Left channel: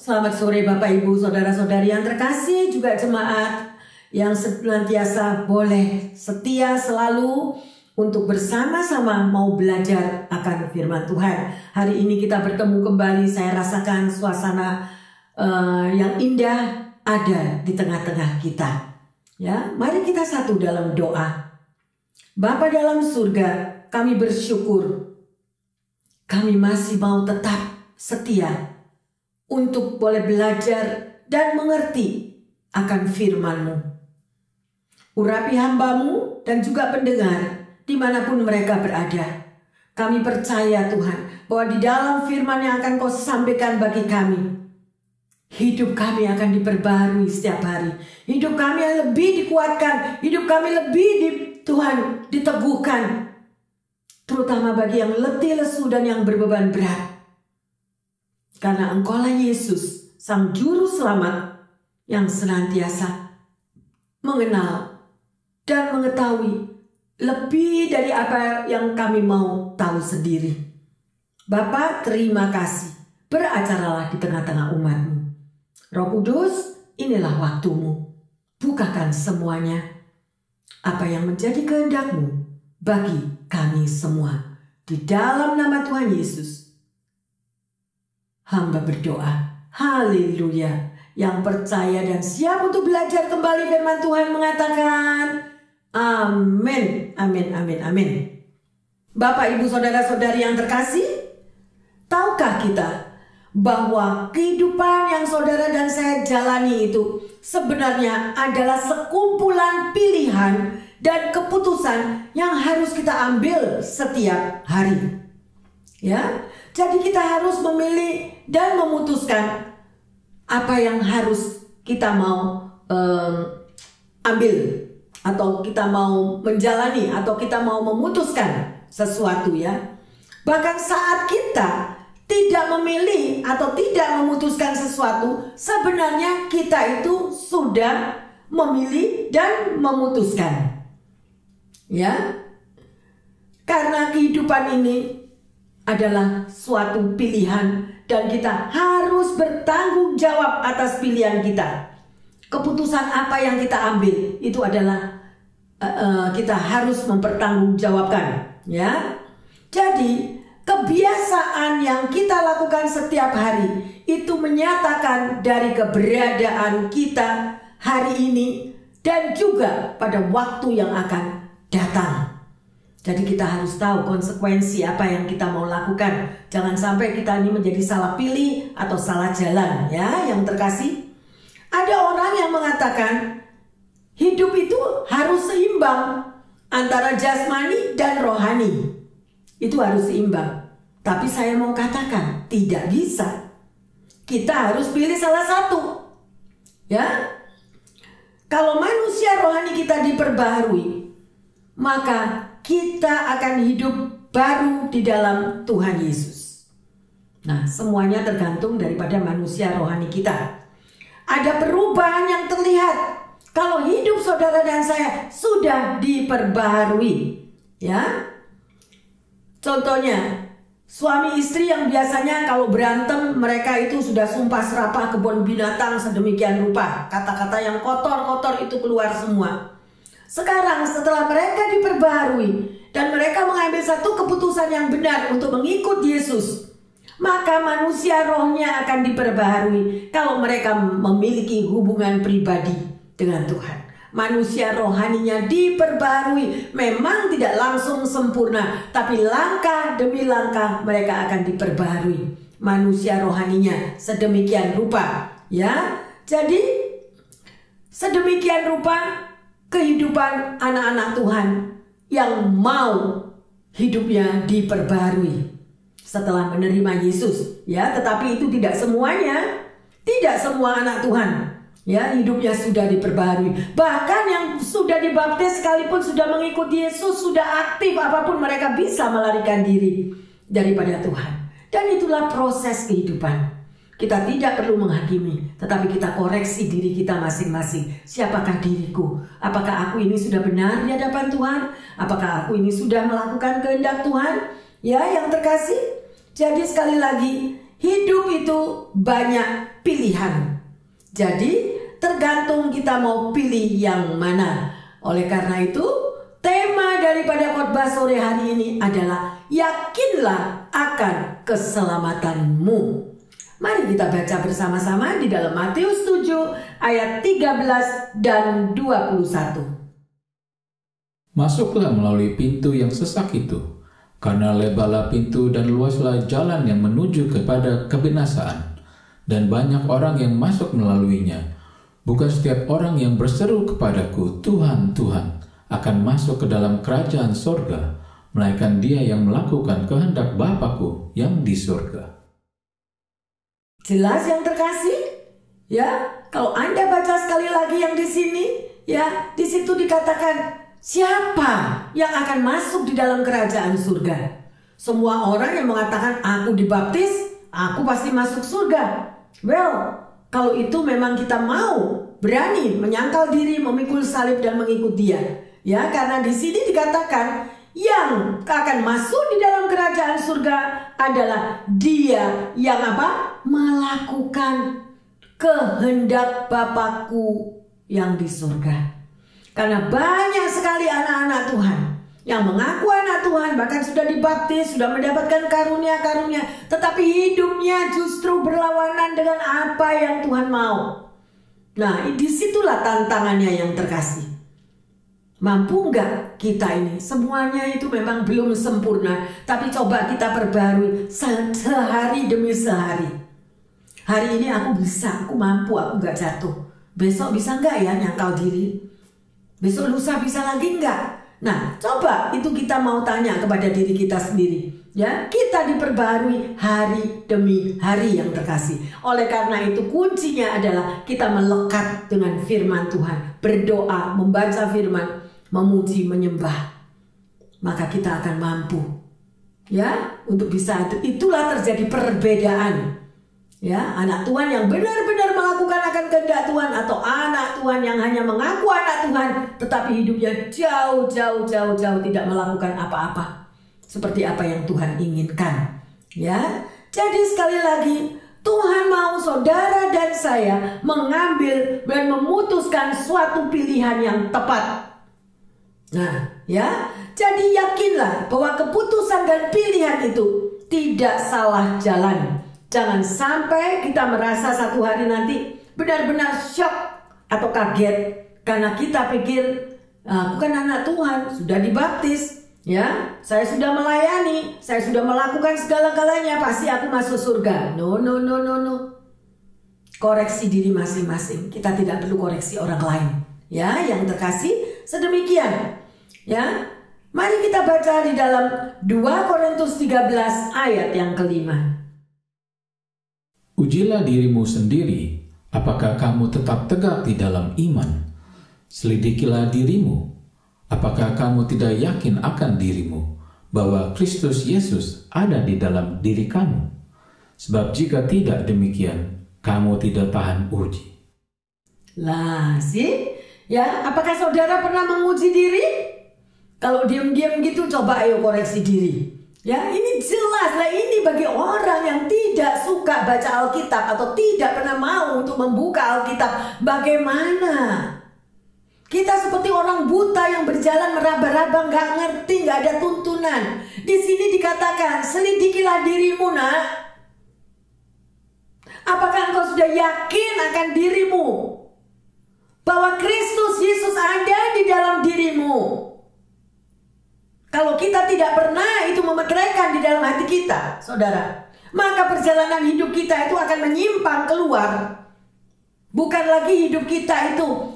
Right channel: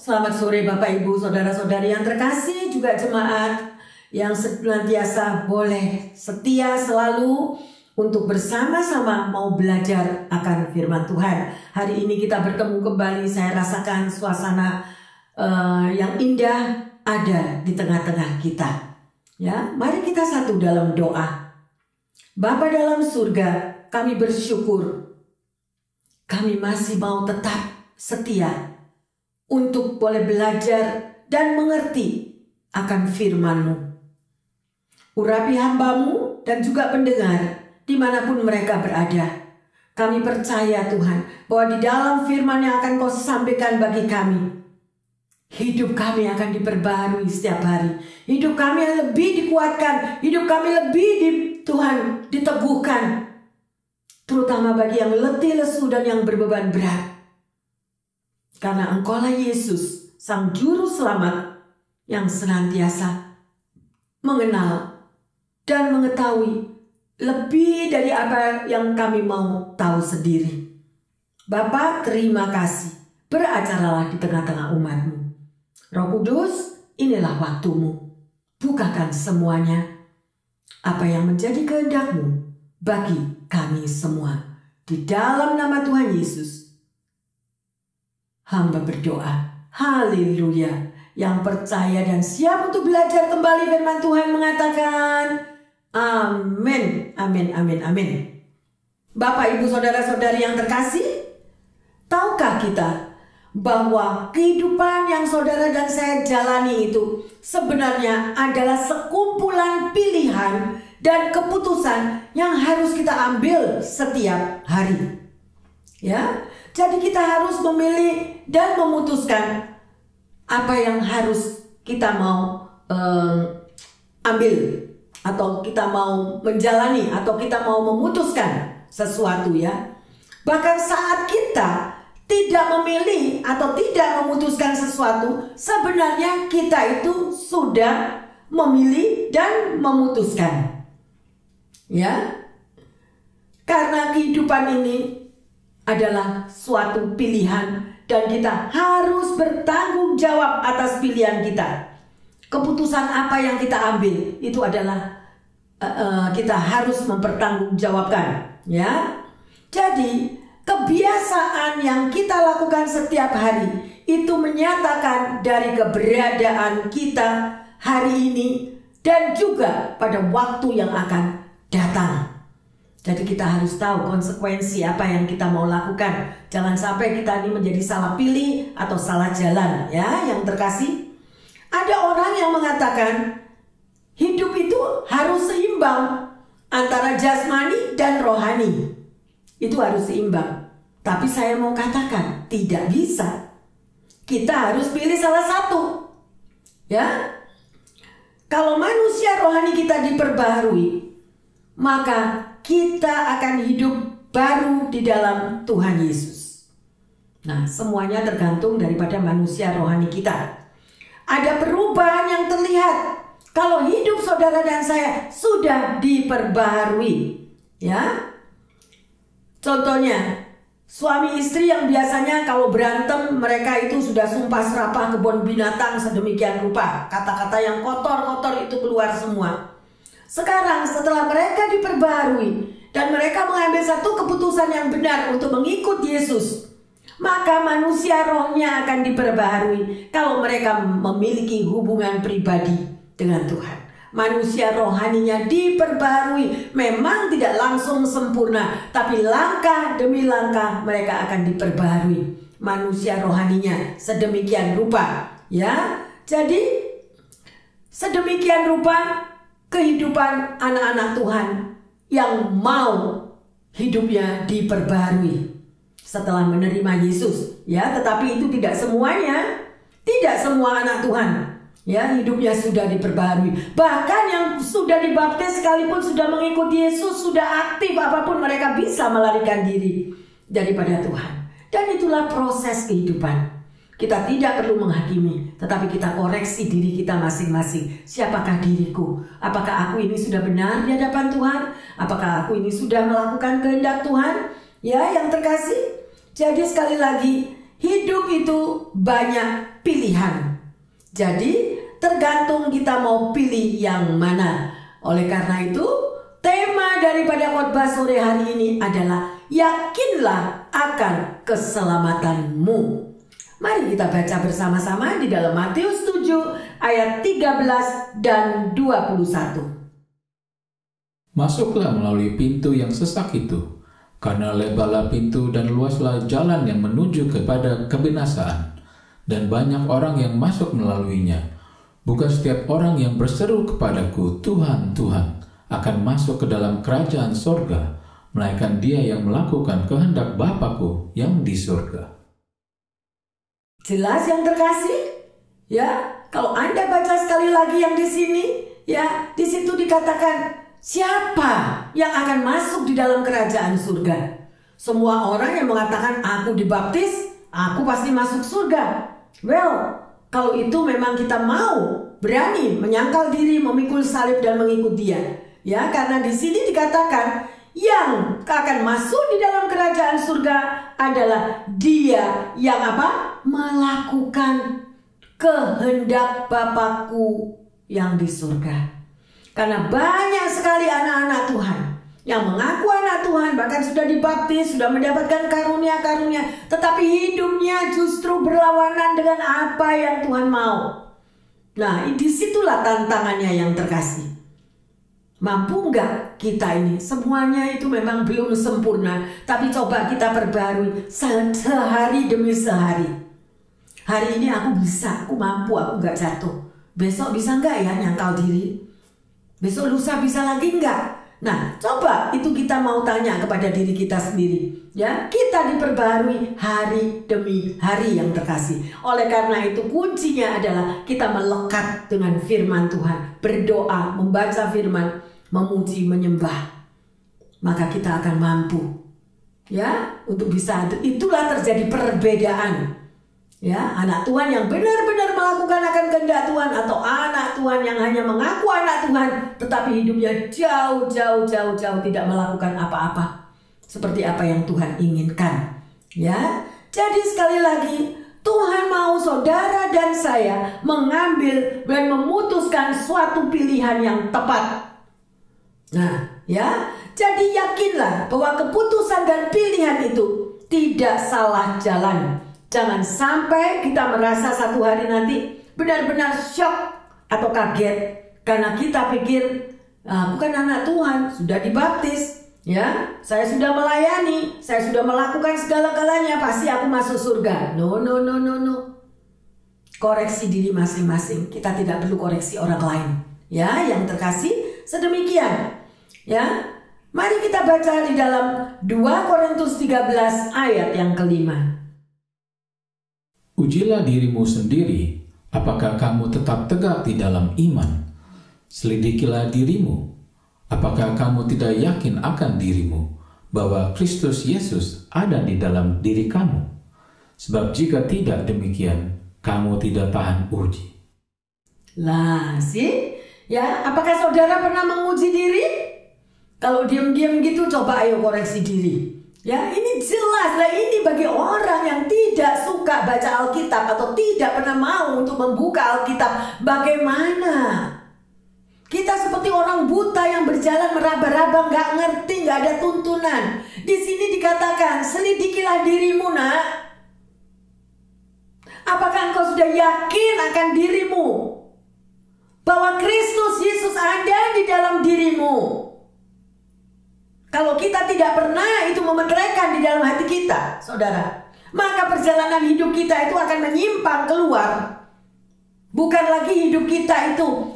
Selamat sore Bapak Ibu Saudara-saudari yang terkasih, juga jemaat yang senantiasa boleh setia selalu untuk bersama-sama mau belajar akan firman Tuhan. Hari ini kita bertemu kembali, saya rasakan suasana yang indah ada di tengah-tengah kita. Ya, mari kita satu dalam doa. Bapa dalam surga, kami bersyukur kami masih mau tetap setia untuk boleh belajar dan mengerti akan firman-Mu. Urapi hamba-Mu dan juga pendengar dimanapun mereka berada. Kami percaya Tuhan bahwa di dalam firman yang akan Kau sampaikan bagi kami, hidup kami akan diperbarui setiap hari. Hidup kami lebih dikuatkan, hidup kami lebih Tuhan diteguhkan. Terutama bagi yang letih lesu dan yang berbeban berat. Karena Engkaulah Yesus, Sang Juru Selamat yang senantiasa mengenal dan mengetahui lebih dari apa yang kami mau tahu sendiri. Bapa, terima kasih. Beracaralah di tengah-tengah umat-Mu. Roh Kudus, inilah waktu-Mu. Bukakan semuanya. Apa yang menjadi kehendak-Mu bagi kami semua. Di dalam nama Tuhan Yesus, hamba berdoa, haleluya. Yang percaya dan siap untuk belajar kembali firman Tuhan mengatakan, amin, amin, amin, amin. Bapak, Ibu, Saudara-saudari yang terkasih, tahukah kita bahwa kehidupan yang saudara dan saya jalani itu sebenarnya adalah sekumpulan pilihan dan keputusan yang harus kita ambil setiap hari. Ya, jadi kita harus memilih dan memutuskan apa yang harus kita mau ambil, atau kita mau menjalani, atau kita mau memutuskan sesuatu ya. Bahkan saat kita tidak memilih atau tidak memutuskan sesuatu, sebenarnya kita itu sudah memilih dan memutuskan. Ya, karena kehidupan ini adalah suatu pilihan dan kita harus bertanggung jawab atas pilihan kita. Keputusan apa yang kita ambil itu adalah kita harus mempertanggungjawabkan, ya. Jadi kebiasaan yang kita lakukan setiap hari itu menyatakan dari keberadaan kita hari ini dan juga pada waktu yang akan datang. Jadi kita harus tahu konsekuensi apa yang kita mau lakukan. Jangan sampai kita ini menjadi salah pilih atau salah jalan, ya, yang terkasih. Ada orang yang mengatakan hidup itu harus seimbang antara jasmani dan rohani. Itu harus seimbang. Tapi saya mau katakan tidak bisa. Kita harus pilih salah satu. Ya. Kalau manusia rohani kita diperbaharui, maka kita akan hidup baru di dalam Tuhan Yesus. Nah, semuanya tergantung daripada manusia rohani kita. Ada perubahan yang terlihat kalau hidup saudara dan saya sudah diperbaharui. Ya. Contohnya, suami istri yang biasanya kalau berantem mereka itu sudah sumpah serapah kebun binatang sedemikian rupa. Kata-kata yang kotor-kotor itu keluar semua. Sekarang setelah mereka diperbaharui dan mereka mengambil satu keputusan yang benar untuk mengikut Yesus, maka manusia rohnya akan diperbaharui kalau mereka memiliki hubungan pribadi dengan Tuhan. Manusia rohaninya diperbaharui, memang tidak langsung sempurna, tapi langkah demi langkah mereka akan diperbaharui. Manusia rohaninya sedemikian rupa, ya. Jadi sedemikian rupa kehidupan anak-anak Tuhan yang mau hidupnya diperbarui setelah menerima Yesus, ya. Tetapi itu tidak semuanya, tidak semua anak Tuhan, ya, hidupnya sudah diperbarui. Bahkan yang sudah dibaptis sekalipun sudah mengikuti Yesus, sudah aktif, apapun mereka bisa melarikan diri daripada Tuhan. Dan itulah proses kehidupan. Kita tidak perlu menghakimi, tetapi kita koreksi diri kita masing-masing. Siapakah diriku? Apakah aku ini sudah benar di hadapan Tuhan? Apakah aku ini sudah melakukan kehendak Tuhan? Ya, yang terkasih. Jadi sekali lagi, hidup itu banyak pilihan. Jadi tergantung kita mau pilih yang mana. Oleh karena itu, tema daripada khotbah sore hari ini adalah yakinlah akan keselamatanmu. Mari kita baca bersama-sama di dalam Matius 7 ayat 13 dan 21. Masuklah melalui pintu yang sesak itu, karena lebarlah pintu dan luaslah jalan yang menuju kepada kebinasaan, dan banyak orang yang masuk melaluinya. Bukan setiap orang yang berseru kepadaku, Tuhan, Tuhan, akan masuk ke dalam kerajaan sorga, melainkan dia yang melakukan kehendak Bapa-Ku yang di surga. Jelas yang terkasih? Ya, kalau Anda baca sekali lagi yang di sini, ya, di situ dikatakan siapa yang akan masuk di dalam kerajaan surga? Semua orang yang mengatakan aku dibaptis, aku pasti masuk surga. Well, kalau itu memang kita mau berani menyangkal diri, memikul salib dan mengikut dia. Ya, karena di sini dikatakan yang akan masuk di dalam kerajaan surga adalah dia yang apa? Melakukan kehendak Bapa-Ku yang di surga. Karena banyak sekali anak-anak Tuhan yang mengaku anak Tuhan, bahkan sudah dibaptis, sudah mendapatkan karunia-karunia, tetapi hidupnya justru berlawanan dengan apa yang Tuhan mau. Nah, disitulah tantangannya yang terkasih. Mampu enggak kita ini? Semuanya itu memang belum sempurna, tapi coba kita perbarui sehari demi sehari. Hari ini aku bisa, aku mampu, aku enggak jatuh. Besok bisa enggak ya nyangkal diri? Besok lusa bisa lagi enggak? Nah, coba itu kita mau tanya kepada diri kita sendiri. Ya, kita diperbarui hari demi hari yang terkasih. Oleh karena itu kuncinya adalah kita melekat dengan firman Tuhan, berdoa, membaca firman, memuji, menyembah. Maka kita akan mampu, ya, untuk bisa. Itulah terjadi perbedaan. Ya, anak Tuhan yang benar-benar melakukan akan kehendak Tuhan, atau anak Tuhan yang hanya mengaku anak Tuhan tetapi hidupnya jauh tidak melakukan apa-apa seperti apa yang Tuhan inginkan. Ya, jadi sekali lagi Tuhan mau saudara dan saya mengambil dan memutuskan suatu pilihan yang tepat. Nah, ya, jadi yakinlah bahwa keputusan dan pilihan itu tidak salah jalan. Jangan sampai kita merasa satu hari nanti benar-benar shock atau kaget karena kita pikir aku kan anak Tuhan, sudah dibaptis, ya, saya sudah melayani, saya sudah melakukan segala-galanya, pasti aku masuk surga. No. Koreksi diri masing-masing. Kita tidak perlu koreksi orang lain. Ya, yang terkasih, sedemikian. Ya, mari kita baca di dalam 2 Korintus 13 ayat yang kelima. Ujilah dirimu sendiri, apakah kamu tetap tegak di dalam iman. Selidikilah dirimu, apakah kamu tidak yakin akan dirimu, bahwa Kristus Yesus ada di dalam diri kamu. Sebab jika tidak demikian, kamu tidak tahan uji. Lah, sih, ya, apakah saudara pernah menguji diri? Kalau diam-diam gitu, coba ayo koreksi diri. Ya, ini jelas lah, ini bagi orang yang tidak suka baca Alkitab atau tidak pernah mau untuk membuka Alkitab. Bagaimana? Kita seperti orang buta yang berjalan meraba-raba, nggak ngerti, nggak ada tuntunan. Di sini dikatakan, selidikilah dirimu, nak. Apakah engkau sudah yakin akan dirimu? Bahwa Kristus Yesus ada di dalam dirimu. Kalau kita tidak pernah itu memeteraikan di dalam hati kita, saudara, maka perjalanan hidup kita itu akan menyimpang keluar. Bukan lagi hidup kita itu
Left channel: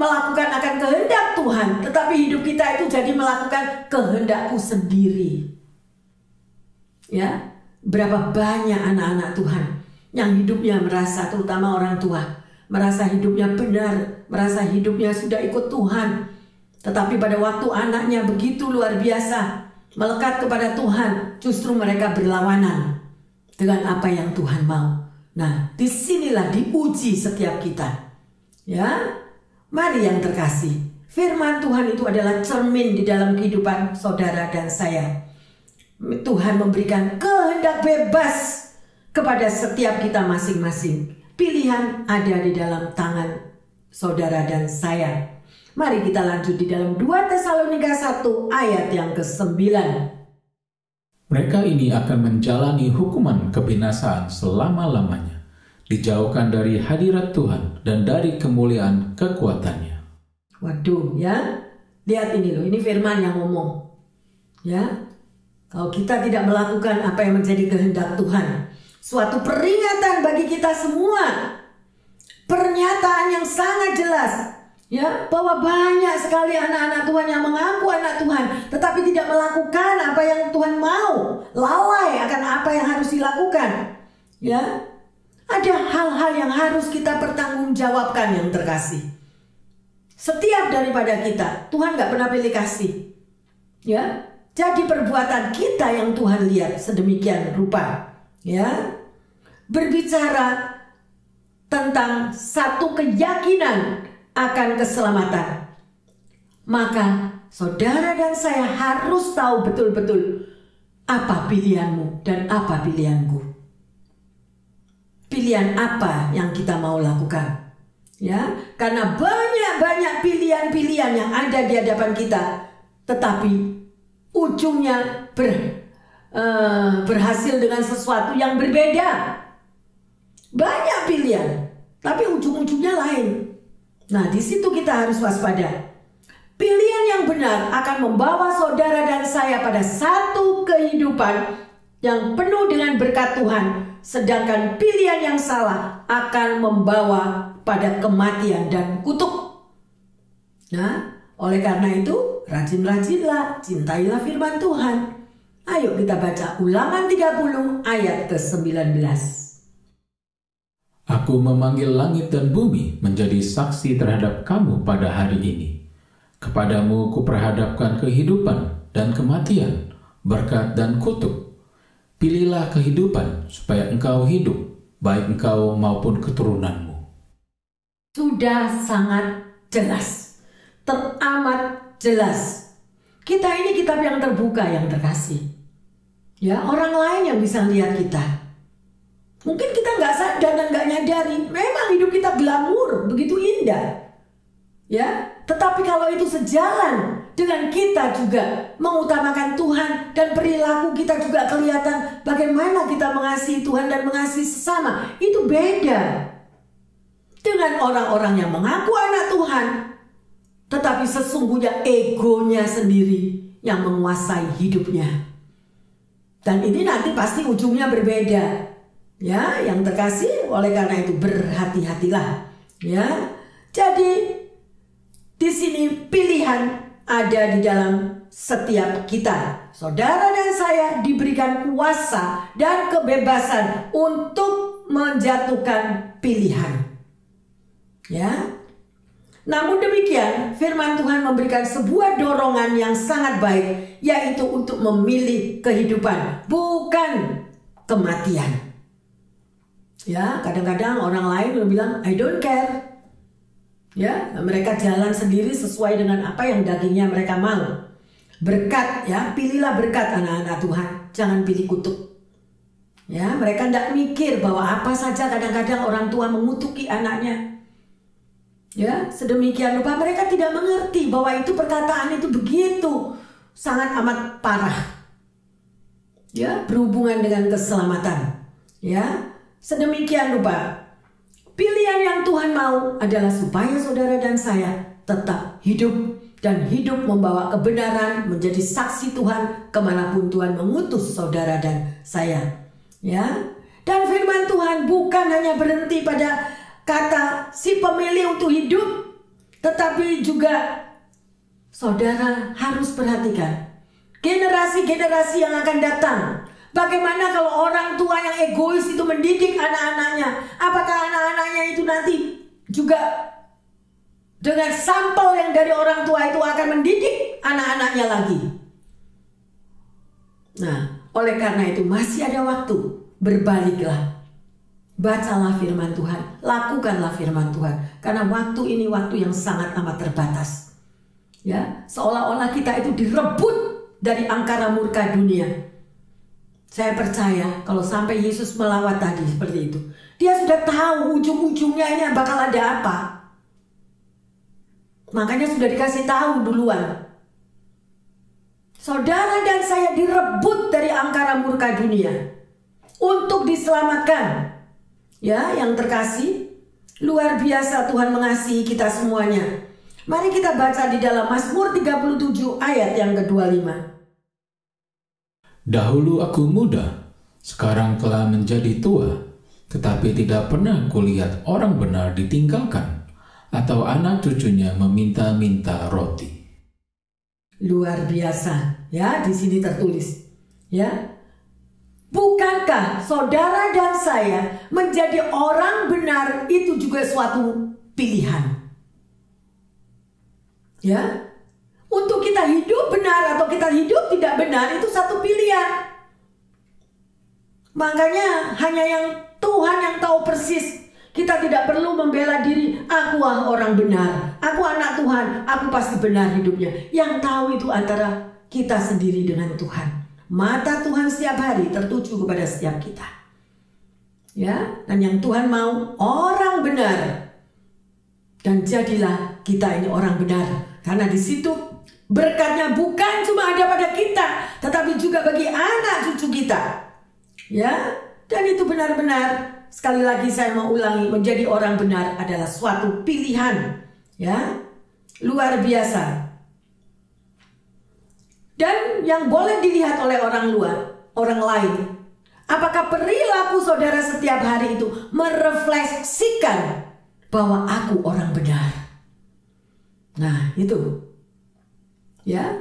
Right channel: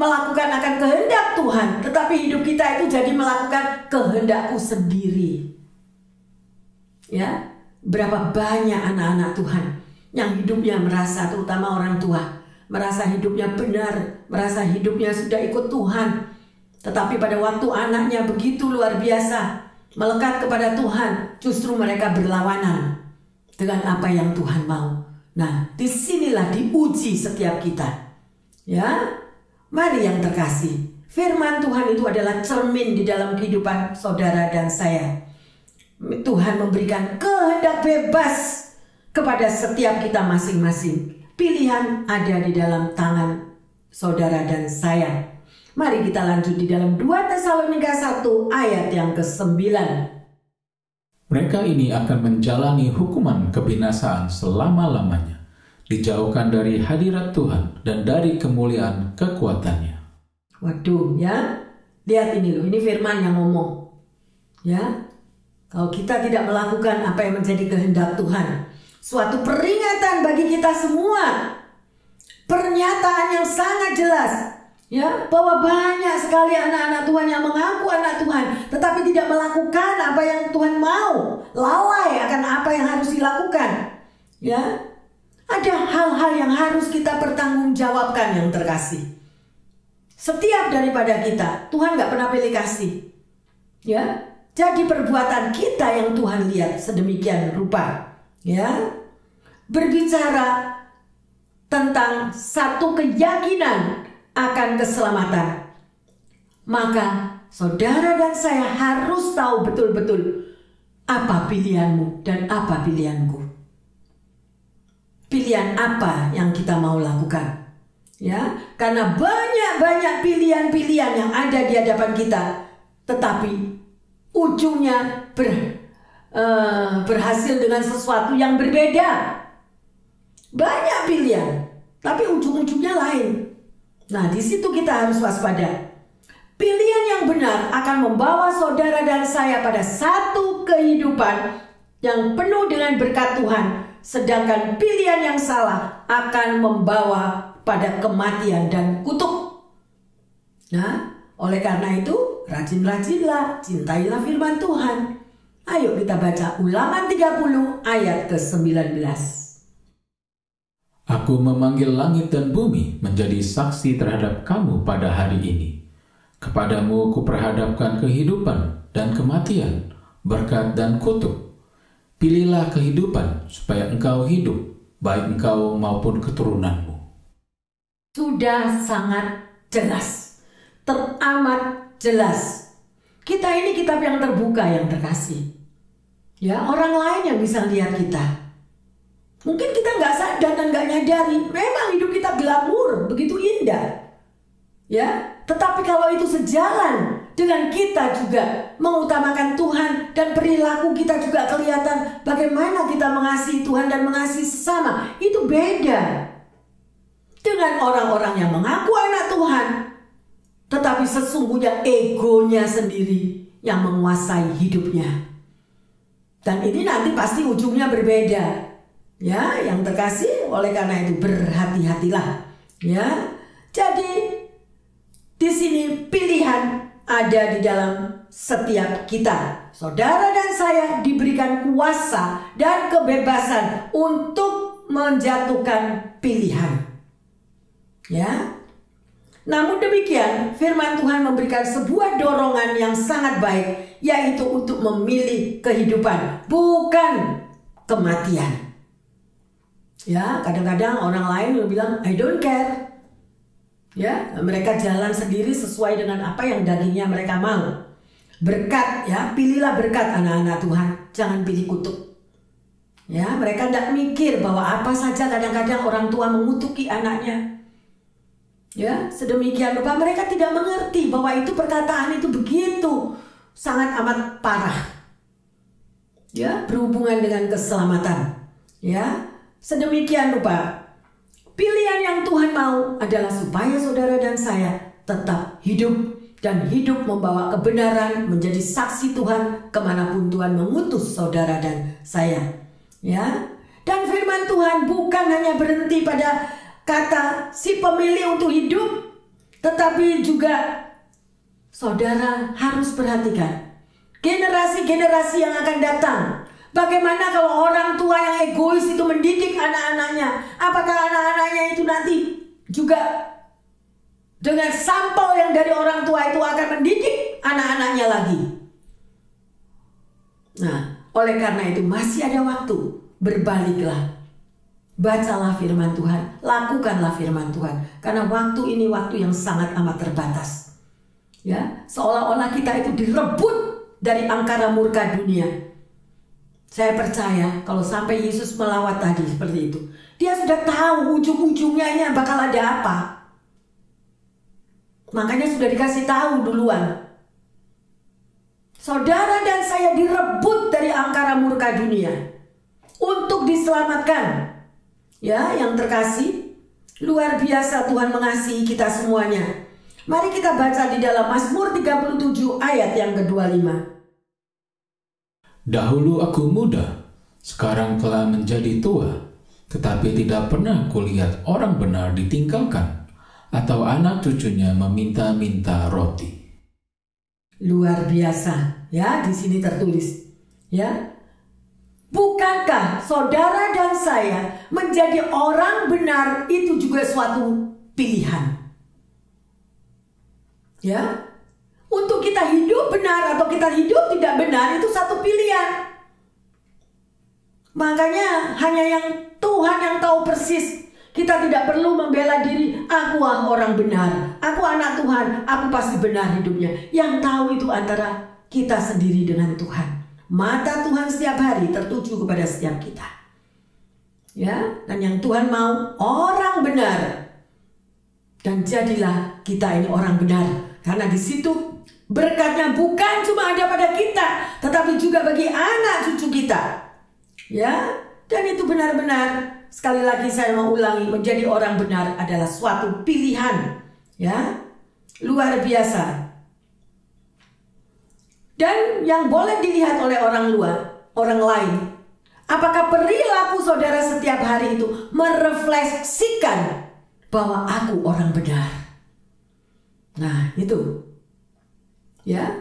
melakukan akan kehendak Tuhan, tetapi hidup kita itu jadi melakukan kehendakku sendiri. Ya, berapa banyak anak-anak Tuhan yang hidupnya merasa, terutama orang tua, merasa hidupnya benar, merasa hidupnya sudah ikut Tuhan. Tetapi pada waktu anaknya begitu luar biasa melekat kepada Tuhan, justru mereka berlawanan dengan apa yang Tuhan mau. Nah, disinilah diuji setiap kita. Ya, mari yang terkasih, firman Tuhan itu adalah cermin di dalam kehidupan saudara dan saya. Tuhan memberikan kehendak bebas kepada setiap kita masing-masing. Pilihan ada di dalam tangan saudara dan saya. Mari kita lanjut di dalam 2 Tesalonika 1 ayat yang ke-9. Mereka ini akan menjalani hukuman kebinasaan selama-lamanya, dijauhkan dari hadirat Tuhan dan dari kemuliaan kekuatannya. Waduh ya, lihat ini loh, ini firman yang ngomong. Ya, kalau kita tidak melakukan apa yang menjadi kehendak Tuhan, suatu peringatan bagi kita semua. Pernyataan yang sangat jelas, ya, bahwa banyak sekali anak-anak Tuhan yang mengaku anak Tuhan, tetapi tidak melakukan apa yang Tuhan mau, lalai akan apa yang harus dilakukan. Ya, ada hal-hal yang harus kita pertanggungjawabkan yang terkasih. Setiap daripada kita, Tuhan gak pernah pilih kasih. Ya, jadi perbuatan kita yang Tuhan lihat sedemikian rupa. Ya, berbicara tentang satu keyakinan akan keselamatan. Maka saudara dan saya harus tahu betul-betul apa pilihanmu dan apa pilihanku. Pilihan apa yang kita mau lakukan. Ya, karena banyak pilihan-pilihan yang ada di hadapan kita, tetapi ujungnya berhasil dengan sesuatu yang berbeda. Banyak pilihan, tapi ujung-ujungnya lain. Nah, di situ kita harus waspada. Pilihan yang benar akan membawa saudara dan saya pada satu kehidupan yang penuh dengan berkat Tuhan, sedangkan pilihan yang salah akan membawa pada kematian dan kutuk. Nah, oleh karena itu, rajin-rajinlah, cintailah firman Tuhan. Ayo kita baca Ulangan 30 ayat ke-19. Aku memanggil langit dan bumi menjadi saksi terhadap kamu pada hari ini. Kepadamu kuperhadapkan kehidupan dan kematian, berkat dan kutuk. Pilihlah kehidupan supaya engkau hidup, baik engkau maupun keturunanmu. Sudah sangat jelas, teramat jelas. Kita ini kitab yang terbuka, yang terkasih. Ya, orang lain yang bisa lihat kita. Mungkin kita nggak sadar dan nggak nyadari, memang hidup kita glamur, begitu indah. Ya, tetapi kalau itu sejalan dengan kita juga mengutamakan Tuhan dan perilaku kita juga kelihatan bagaimana kita mengasihi Tuhan dan mengasihi sesama, itu beda dengan orang-orang yang mengaku anak Tuhan, tetapi sesungguhnya egonya sendiri yang menguasai hidupnya. Dan ini nanti pasti ujungnya berbeda. Ya, yang terkasih, oleh karena itu berhati-hatilah. Ya, jadi di sini pilihan ada di dalam setiap kita. Saudara dan saya diberikan kuasa dan kebebasan untuk menjatuhkan pilihan. Ya, namun demikian firman Tuhan memberikan sebuah dorongan yang sangat baik, yaitu untuk memilih kehidupan, bukan kematian. Ya, kadang-kadang orang lain bilang I don't care. Ya, mereka jalan sendiri sesuai dengan apa yang dagingnya mereka mau. Berkat, ya, pilihlah berkat anak-anak Tuhan, jangan pilih kutuk. Ya, mereka tidak mikir bahwa apa saja kadang-kadang orang tua mengutuki anaknya. Ya, sedemikian rupa mereka tidak mengerti bahwa itu perkataan itu begitu sangat amat parah. Ya, berhubungan dengan keselamatan. Ya, sedemikian rupa pilihan yang Tuhan mau adalah supaya saudara dan saya tetap hidup dan hidup membawa kebenaran, menjadi saksi Tuhan kemanapun Tuhan mengutus saudara dan saya. Ya, dan firman Tuhan bukan hanya berhenti pada kata si pemilih untuk hidup, tetapi juga saudara harus perhatikan generasi-generasi yang akan datang. Bagaimana kalau orang tua yang egois itu mendidik anak-anaknya? Apakah anak-anaknya itu nanti juga dengan sampel yang dari orang tua itu akan mendidik anak-anaknya lagi? Nah, oleh karena itu masih ada waktu. Berbaliklah. Bacalah firman Tuhan. Lakukanlah firman Tuhan. Karena waktu ini waktu yang sangat amat terbatas. Ya, seolah-olah kita itu direbut dari angkara murka dunia. Saya percaya kalau sampai Yesus melawat tadi seperti itu, dia sudah tahu ujung-ujungnya ini bakal ada apa. Makanya sudah dikasih tahu duluan. Saudara dan saya direbut dari angkara murka dunia untuk diselamatkan. Ya, yang terkasih, luar biasa Tuhan mengasihi kita semuanya. Mari kita baca di dalam Mazmur 37 ayat yang ke-25. Dahulu aku muda, sekarang telah menjadi tua, tetapi tidak pernah kulihat orang benar ditinggalkan, atau anak cucunya meminta-minta roti. Luar biasa, ya, di sini tertulis, ya. Bukankah saudara dan saya menjadi orang benar itu juga suatu pilihan? Ya. Untuk kita hidup benar atau kita hidup tidak benar itu satu pilihan. Makanya hanya yang Tuhan yang tahu persis. Kita tidak perlu membela diri, aku orang benar, aku anak Tuhan, aku pasti benar hidupnya. Yang tahu itu antara kita sendiri dengan Tuhan. Mata Tuhan setiap hari tertuju kepada setiap kita. Ya, dan yang Tuhan mau orang benar. Dan jadilah kita ini orang benar. Karena di situ berkatnya bukan cuma ada pada kita, tetapi juga bagi anak cucu kita. Ya, dan itu benar-benar. Sekali lagi saya mau ulangi, menjadi orang benar adalah suatu pilihan. Ya, luar biasa. Dan yang boleh dilihat oleh orang luar, orang lain. Apakah perilaku saudara setiap hari itu merefleksikan bahwa aku orang benar? Nah, itu. Ya,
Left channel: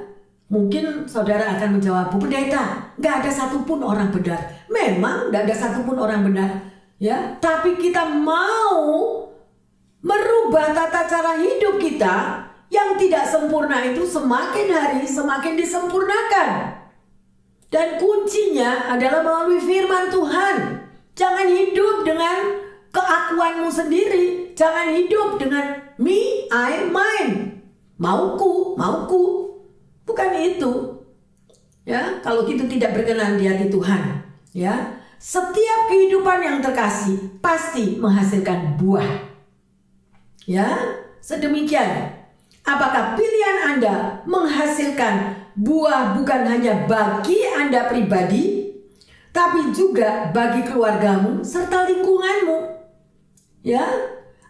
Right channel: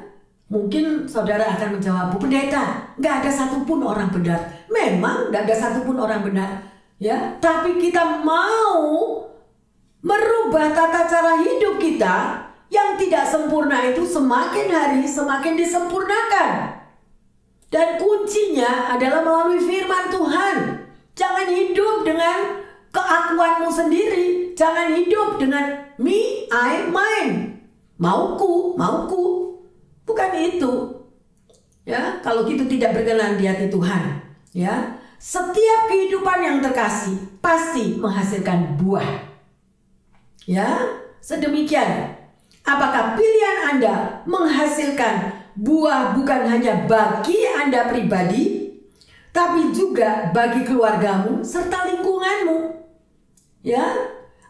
mungkin saudara akan menjawab, Bu Pendeta, gak ada satupun orang benar. Memang gak ada satupun orang benar. Ya, tapi kita mau merubah tata cara hidup kita yang tidak sempurna itu semakin hari semakin disempurnakan. Dan kuncinya adalah melalui firman Tuhan. Jangan hidup dengan keakuanmu sendiri. Jangan hidup dengan me, I, mine. Mauku. Bukan itu. Ya, kalau itu tidak berkenan di hati Tuhan. Ya. Setiap kehidupan yang terkasih pasti menghasilkan buah. Ya, sedemikian. Apakah pilihan Anda menghasilkan buah bukan hanya bagi Anda pribadi, tapi juga bagi keluargamu serta lingkunganmu? Ya,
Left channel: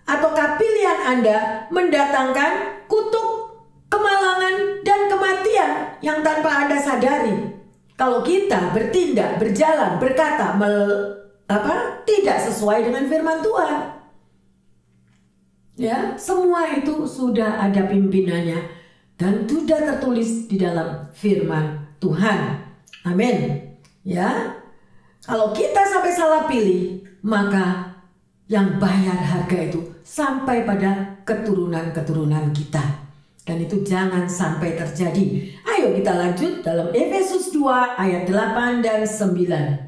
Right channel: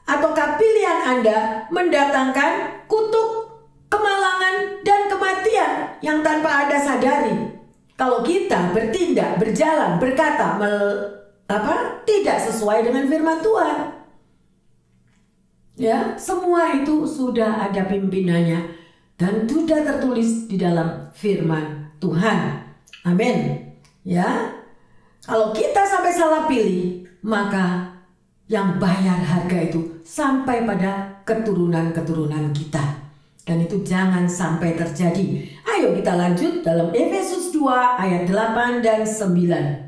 ataukah pilihan Anda mendatangkan kutuk, kemalangan, dan kematian yang tanpa Anda sadari? Kalau kita bertindak, berjalan, berkata tidak sesuai dengan firman Tuhan. Ya, semua itu sudah ada pimpinannya dan sudah tertulis di dalam firman Tuhan. Amin. Ya. Kalau kita sampai salah pilih, maka yang bayar harga itu sampai pada keturunan-keturunan kita. Dan itu jangan sampai terjadi. Ayo kita lanjut dalam Efesus 2 ayat 8 dan 9.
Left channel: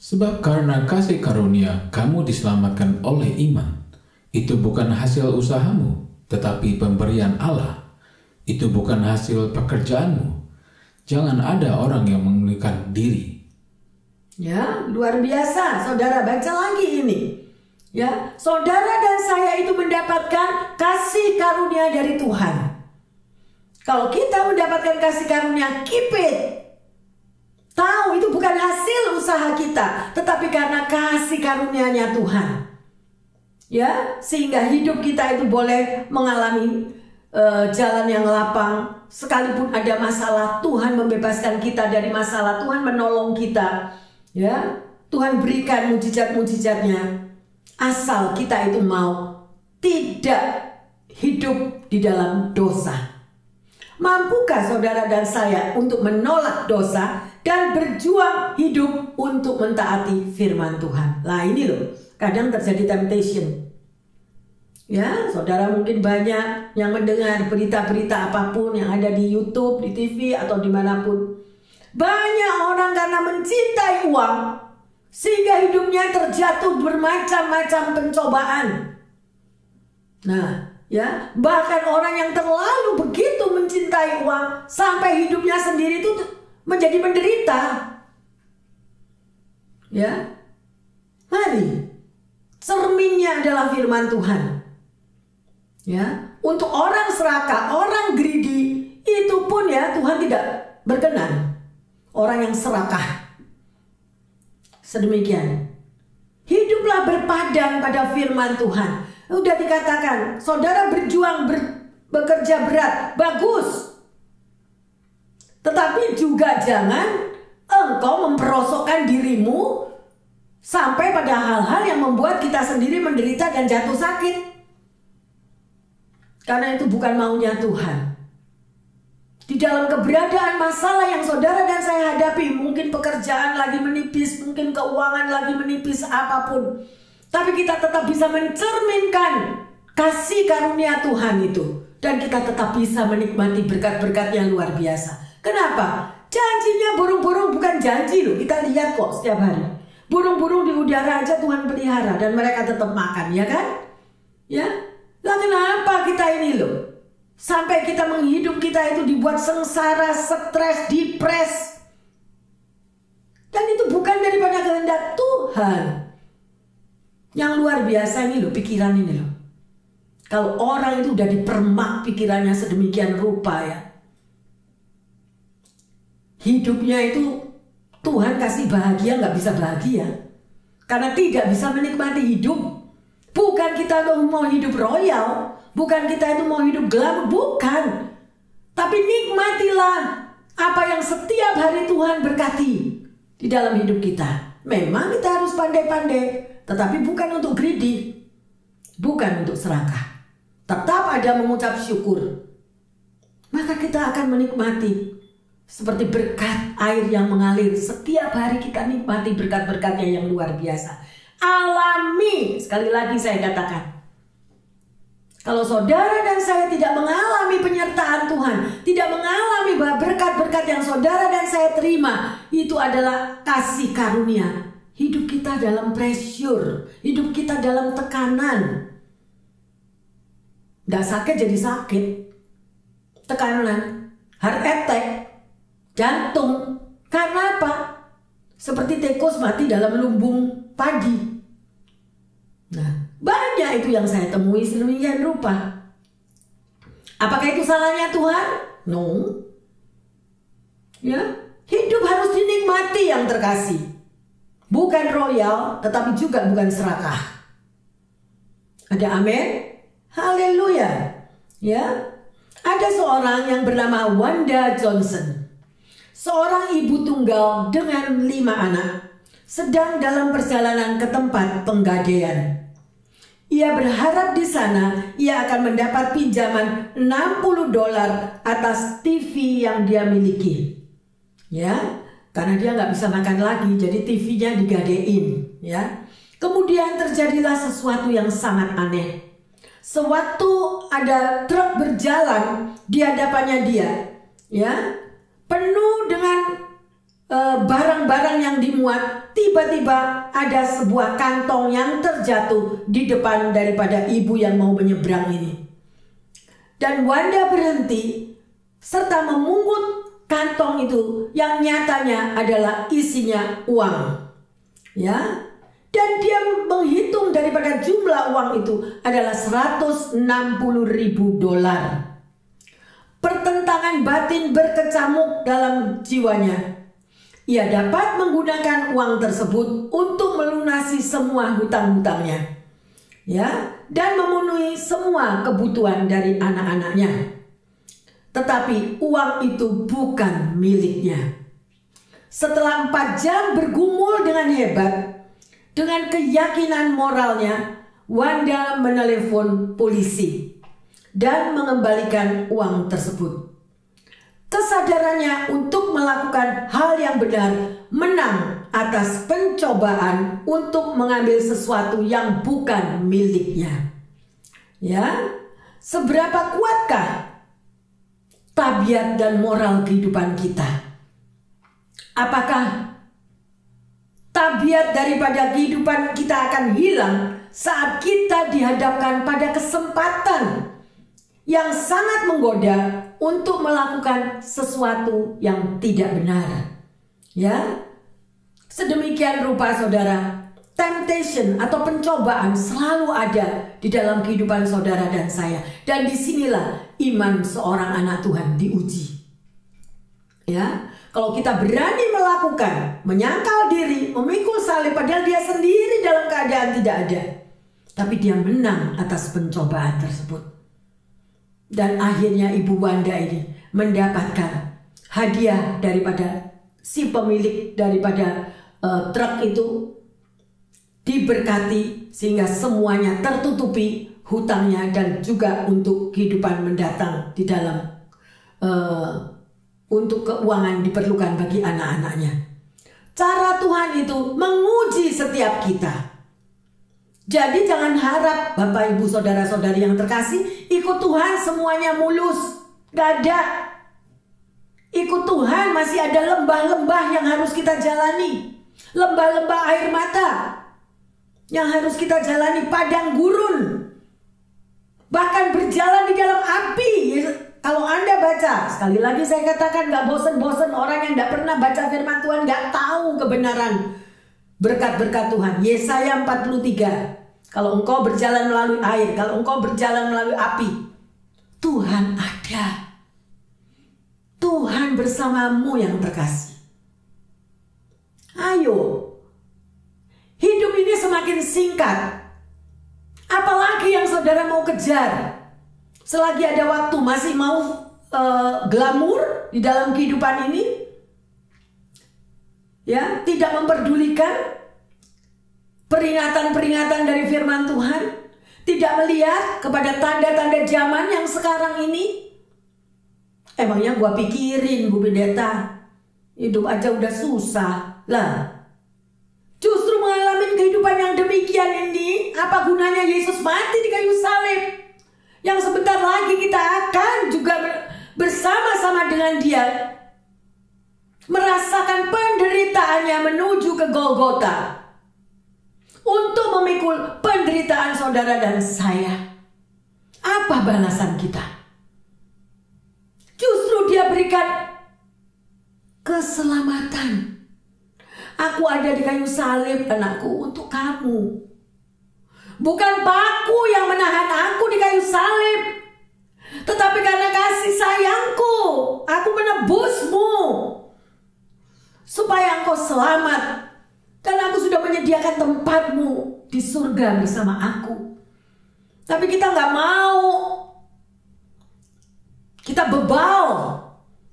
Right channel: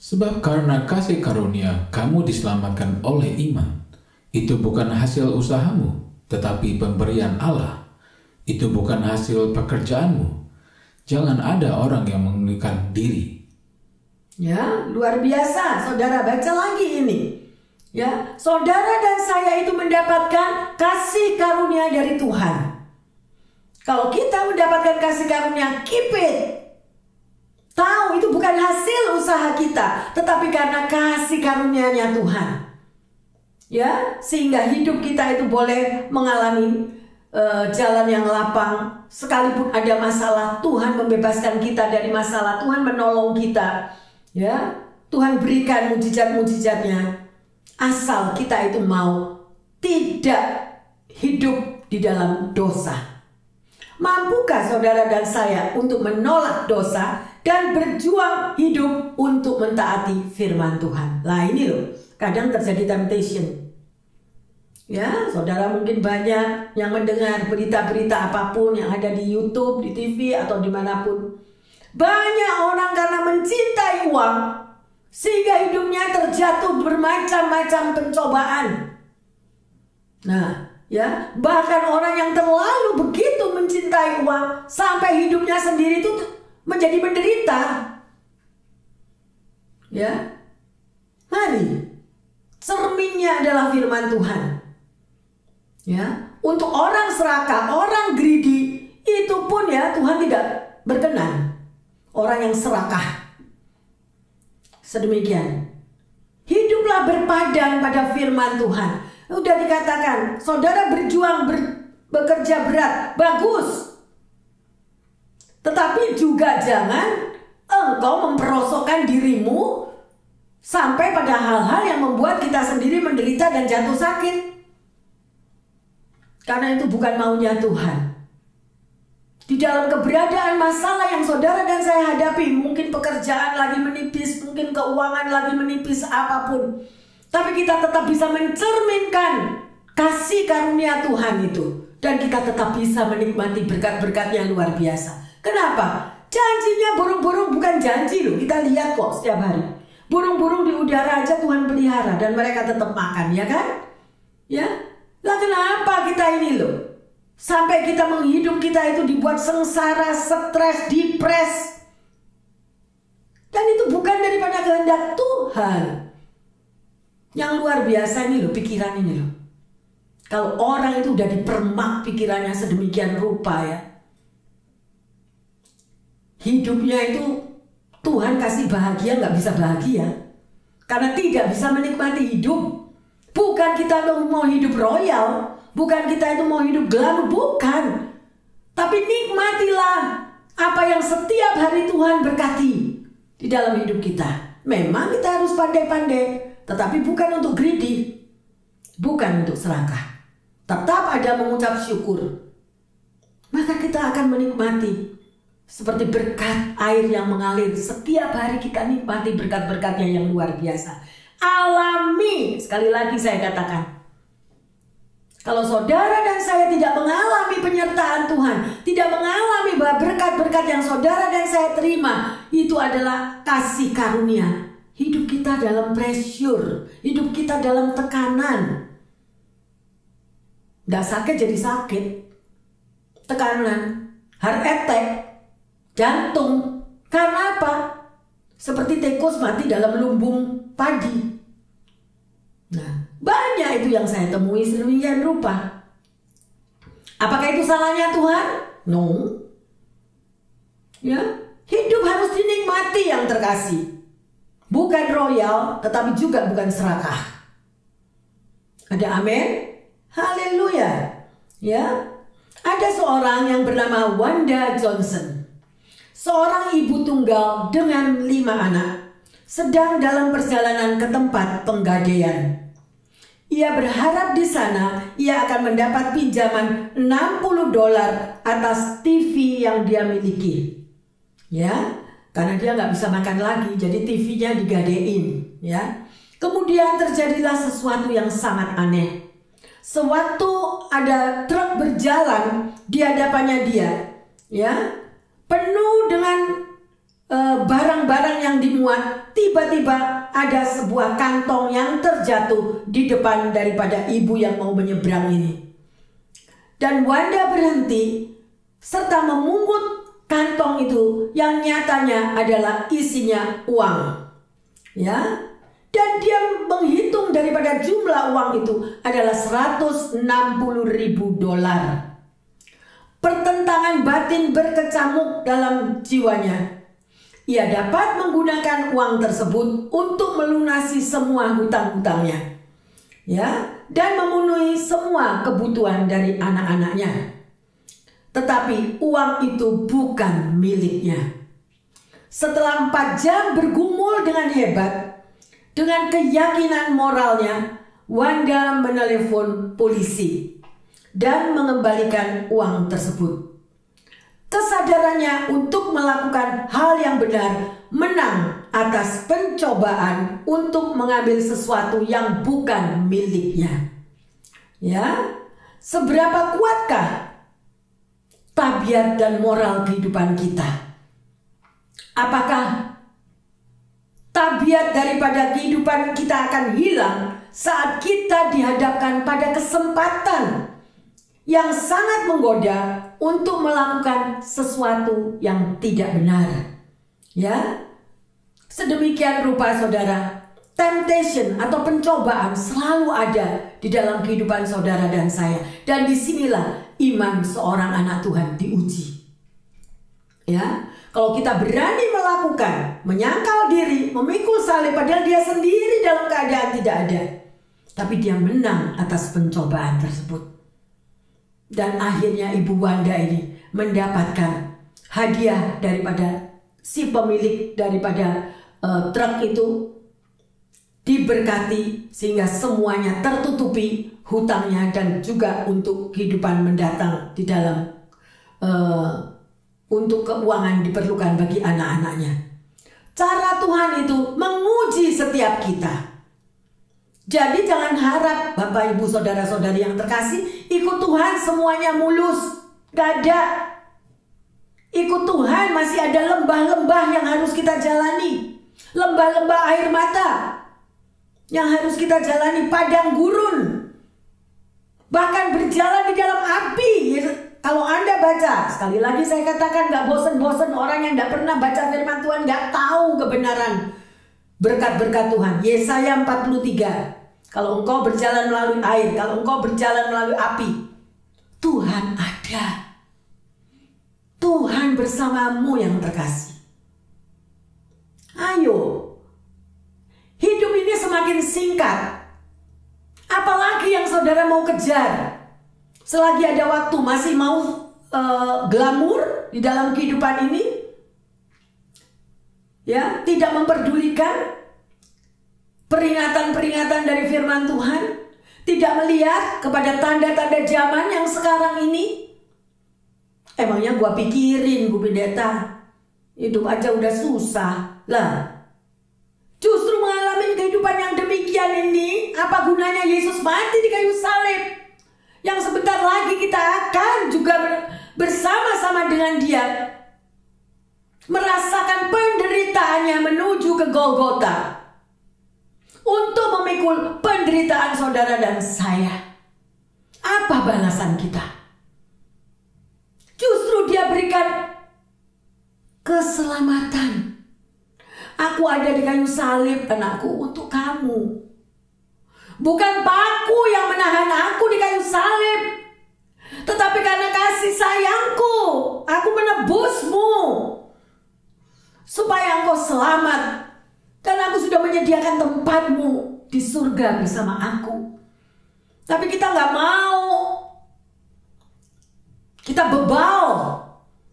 Sebab karena kasih karunia kamu diselamatkan oleh iman. Itu bukan hasil usahamu, tetapi pemberian Allah. Itu bukan hasil pekerjaanmu. Jangan ada orang yang mengeluhkan diri. Ya, luar biasa. Saudara baca lagi ini. Ya, saudara dan saya itu mendapatkan kasih karunia dari Tuhan. Kalau kita mendapatkan kasih karunia, keep it. Tahu itu bukan hasil usaha kita, tetapi karena kasih karunia-Nya Tuhan. Ya, sehingga hidup kita itu boleh mengalami jalan yang lapang. Sekalipun ada masalah, Tuhan membebaskan kita dari masalah. Tuhan menolong kita. Ya, Tuhan berikan mujizat-mujizatnya. Asal kita itu mau tidak hidup di dalam dosa. Mampukah saudara dan saya untuk menolak dosa dan berjuang hidup untuk mentaati firman Tuhan? Lah ini loh, kadang terjadi temptation. Ya, saudara mungkin banyak yang mendengar berita-berita apapun yang ada di YouTube, di TV atau dimanapun. Banyak orang karena mencintai uang sehingga hidupnya terjatuh bermacam-macam pencobaan. Nah, ya, bahkan orang yang terlalu begitu mencintai uang sampai hidupnya sendiri itu menjadi menderita. Ya. Mari. Cerminnya adalah firman Tuhan. Ya. Untuk orang serakah, orang greedy, itu pun ya Tuhan tidak berkenan. Orang yang serakah. Sedemikian. Hiduplah berpadan pada firman Tuhan. Udah dikatakan, saudara berjuang, bekerja berat, bagus. Tetapi juga jangan engkau memperosokkan dirimu sampai pada hal-hal yang membuat kita sendiri menderita dan jatuh sakit. Karena itu bukan maunya Tuhan. Di dalam keberadaan masalah yang saudara dan saya hadapi, mungkin pekerjaan lagi menipis, mungkin keuangan lagi menipis, apapun. Tapi kita tetap bisa mencerminkan kasih karunia Tuhan itu. Dan kita tetap bisa menikmati berkat-berkat yang luar biasa. Kenapa? Janjinya burung-burung bukan janji loh. Kita lihat kok setiap hari. Burung-burung di udara aja Tuhan pelihara dan mereka tetap makan, ya kan? Ya. Lah kenapa kita ini loh? Sampai kita menghidup kita itu dibuat sengsara, stres, depres. Dan itu bukan daripada kehendak Tuhan. Yang luar biasa ini loh, pikiran ini loh. Kalau orang itu udah dipermak pikirannya sedemikian rupa ya. Hidupnya itu Tuhan kasih bahagia nggak bisa bahagia. Karena tidak bisa menikmati hidup. Bukan kita mau hidup royal. Bukan kita itu mau hidup glamor, bukan. Tapi nikmatilah apa yang setiap hari Tuhan berkati di dalam hidup kita. Memang kita harus pandai-pandai, tetapi bukan untuk greedy, bukan untuk serakah. Tetap ada mengucap syukur. Maka kita akan menikmati seperti berkat air yang mengalir. Setiap hari kita nikmati berkat-berkatnya yang luar biasa. Alami, sekali lagi saya katakan. Kalau saudara dan saya tidak mengalami penyertaan Tuhan, tidak mengalami berkat-berkat yang saudara dan saya terima, itu adalah kasih karunia. Hidup kita dalam pressure, hidup kita dalam tekanan. Tidak sakit jadi sakit. Tekanan, heart attack, jantung. Karena apa? Seperti tikus mati dalam lumbung padi. Nah, banyak itu yang saya temui sedemikian rupa. Apakah itu salahnya Tuhan? No. Ya, hidup harus dinikmati yang terkasih. Bukan royal, tetapi juga bukan serakah. Ada amin? Haleluya. Ya. Ada seorang yang bernama Wanda Johnson. Seorang ibu tunggal dengan 5 anak. Sedang dalam perjalanan ke tempat penggadaian. Ia berharap di sana ia akan mendapat pinjaman $60 atas TV yang dia miliki. Ya, karena dia nggak bisa makan lagi, jadi TV-nya digadein. Ya, kemudian terjadilah sesuatu yang sangat aneh. Sewaktu ada truk berjalan di hadapannya dia, ya, penuh dengan barang-barang yang dimuat, tiba-tiba ada sebuah kantong yang terjatuh di depan daripada ibu yang mau menyeberang ini. Dan Wanda berhenti serta memungut kantong itu yang nyatanya adalah isinya uang. Ya. Dan dia menghitung daripada jumlah uang itu adalah $160.000. Pertentangan batin berkecamuk dalam jiwanya. Ia dapat menggunakan uang tersebut untuk melunasi semua hutang-hutangnya, ya, dan memenuhi semua kebutuhan dari anak-anaknya. Tetapi uang itu bukan miliknya. Setelah 4 jam bergumul dengan hebat, dengan keyakinan moralnya, Wanda menelepon polisi dan mengembalikan uang tersebut. Kesadarannya untuk melakukan hal yang benar menang atas pencobaan untuk mengambil sesuatu yang bukan miliknya. Ya, seberapa kuatkah tabiat dan moral kehidupan kita? Apakah tabiat daripada kehidupan kita akan hilang saat kita dihadapkan pada kesempatan yang sangat menggoda untuk melakukan sesuatu yang tidak benar? Ya, Sedemikian rupa saudara, temptation atau pencobaan selalu ada di dalam kehidupan saudara dan saya. Dan disinilah iman seorang anak Tuhan diuji. Ya, kalau kita berani melakukan, menyangkal diri, memikul salib padahal dia sendiri dalam keadaan tidak ada, tapi dia menang atas pencobaan tersebut. Dan akhirnya Ibu Wanda ini mendapatkan hadiah daripada si pemilik daripada truk itu, diberkati sehingga semuanya tertutupi hutangnya dan juga untuk kehidupan mendatang di dalam untuk keuangan diperlukan bagi anak-anaknya. Cara Tuhan itu menguji setiap kita. Jadi jangan harap Bapak Ibu Saudara-saudari yang terkasih ikut Tuhan semuanya mulus. Gak ada. Ikut Tuhan masih ada lembah-lembah yang harus kita jalani. Lembah-lembah air mata yang harus kita jalani, padang gurun, bahkan berjalan di dalam api. Kalau Anda baca, sekali lagi saya katakan, gak bosen-bosen orang yang gak pernah baca firman Tuhan, gak tahu kebenaran berkat-berkat Tuhan. Yesaya 43, kalau engkau berjalan melalui air, kalau engkau berjalan melalui api, Tuhan ada. Tuhan bersamamu yang terkasih. Ayo, hidup ini semakin singkat. Apalagi yang saudara mau kejar? Selagi ada waktu, masih mau glamor di dalam kehidupan ini? Ya, tidak memperdulikan peringatan-peringatan dari firman Tuhan? Tidak melihat kepada tanda-tanda zaman yang sekarang ini? Emangnya gua pikirin, Bu Pendeta, hidup aja udah susah. Lah, justru mengalami kehidupan yang demikian ini, apa gunanya Yesus mati di kayu salib? Yang sebentar lagi kita akan juga bersama-sama dengan dia merasakan penderitaannya menuju ke Golgota untuk memikul penderitaan saudara dan saya. Apa balasan kita? Justru dia berikan keselamatan. Aku ada di kayu salib, anakku, untuk kamu. Bukan paku yang menahan aku di kayu salib, tetapi karena kasih sayangku, aku menebusmu supaya engkau selamat. Dan aku sudah menyediakan tempatmu di surga bersama aku. Tapi kita nggak mau. Kita bebal.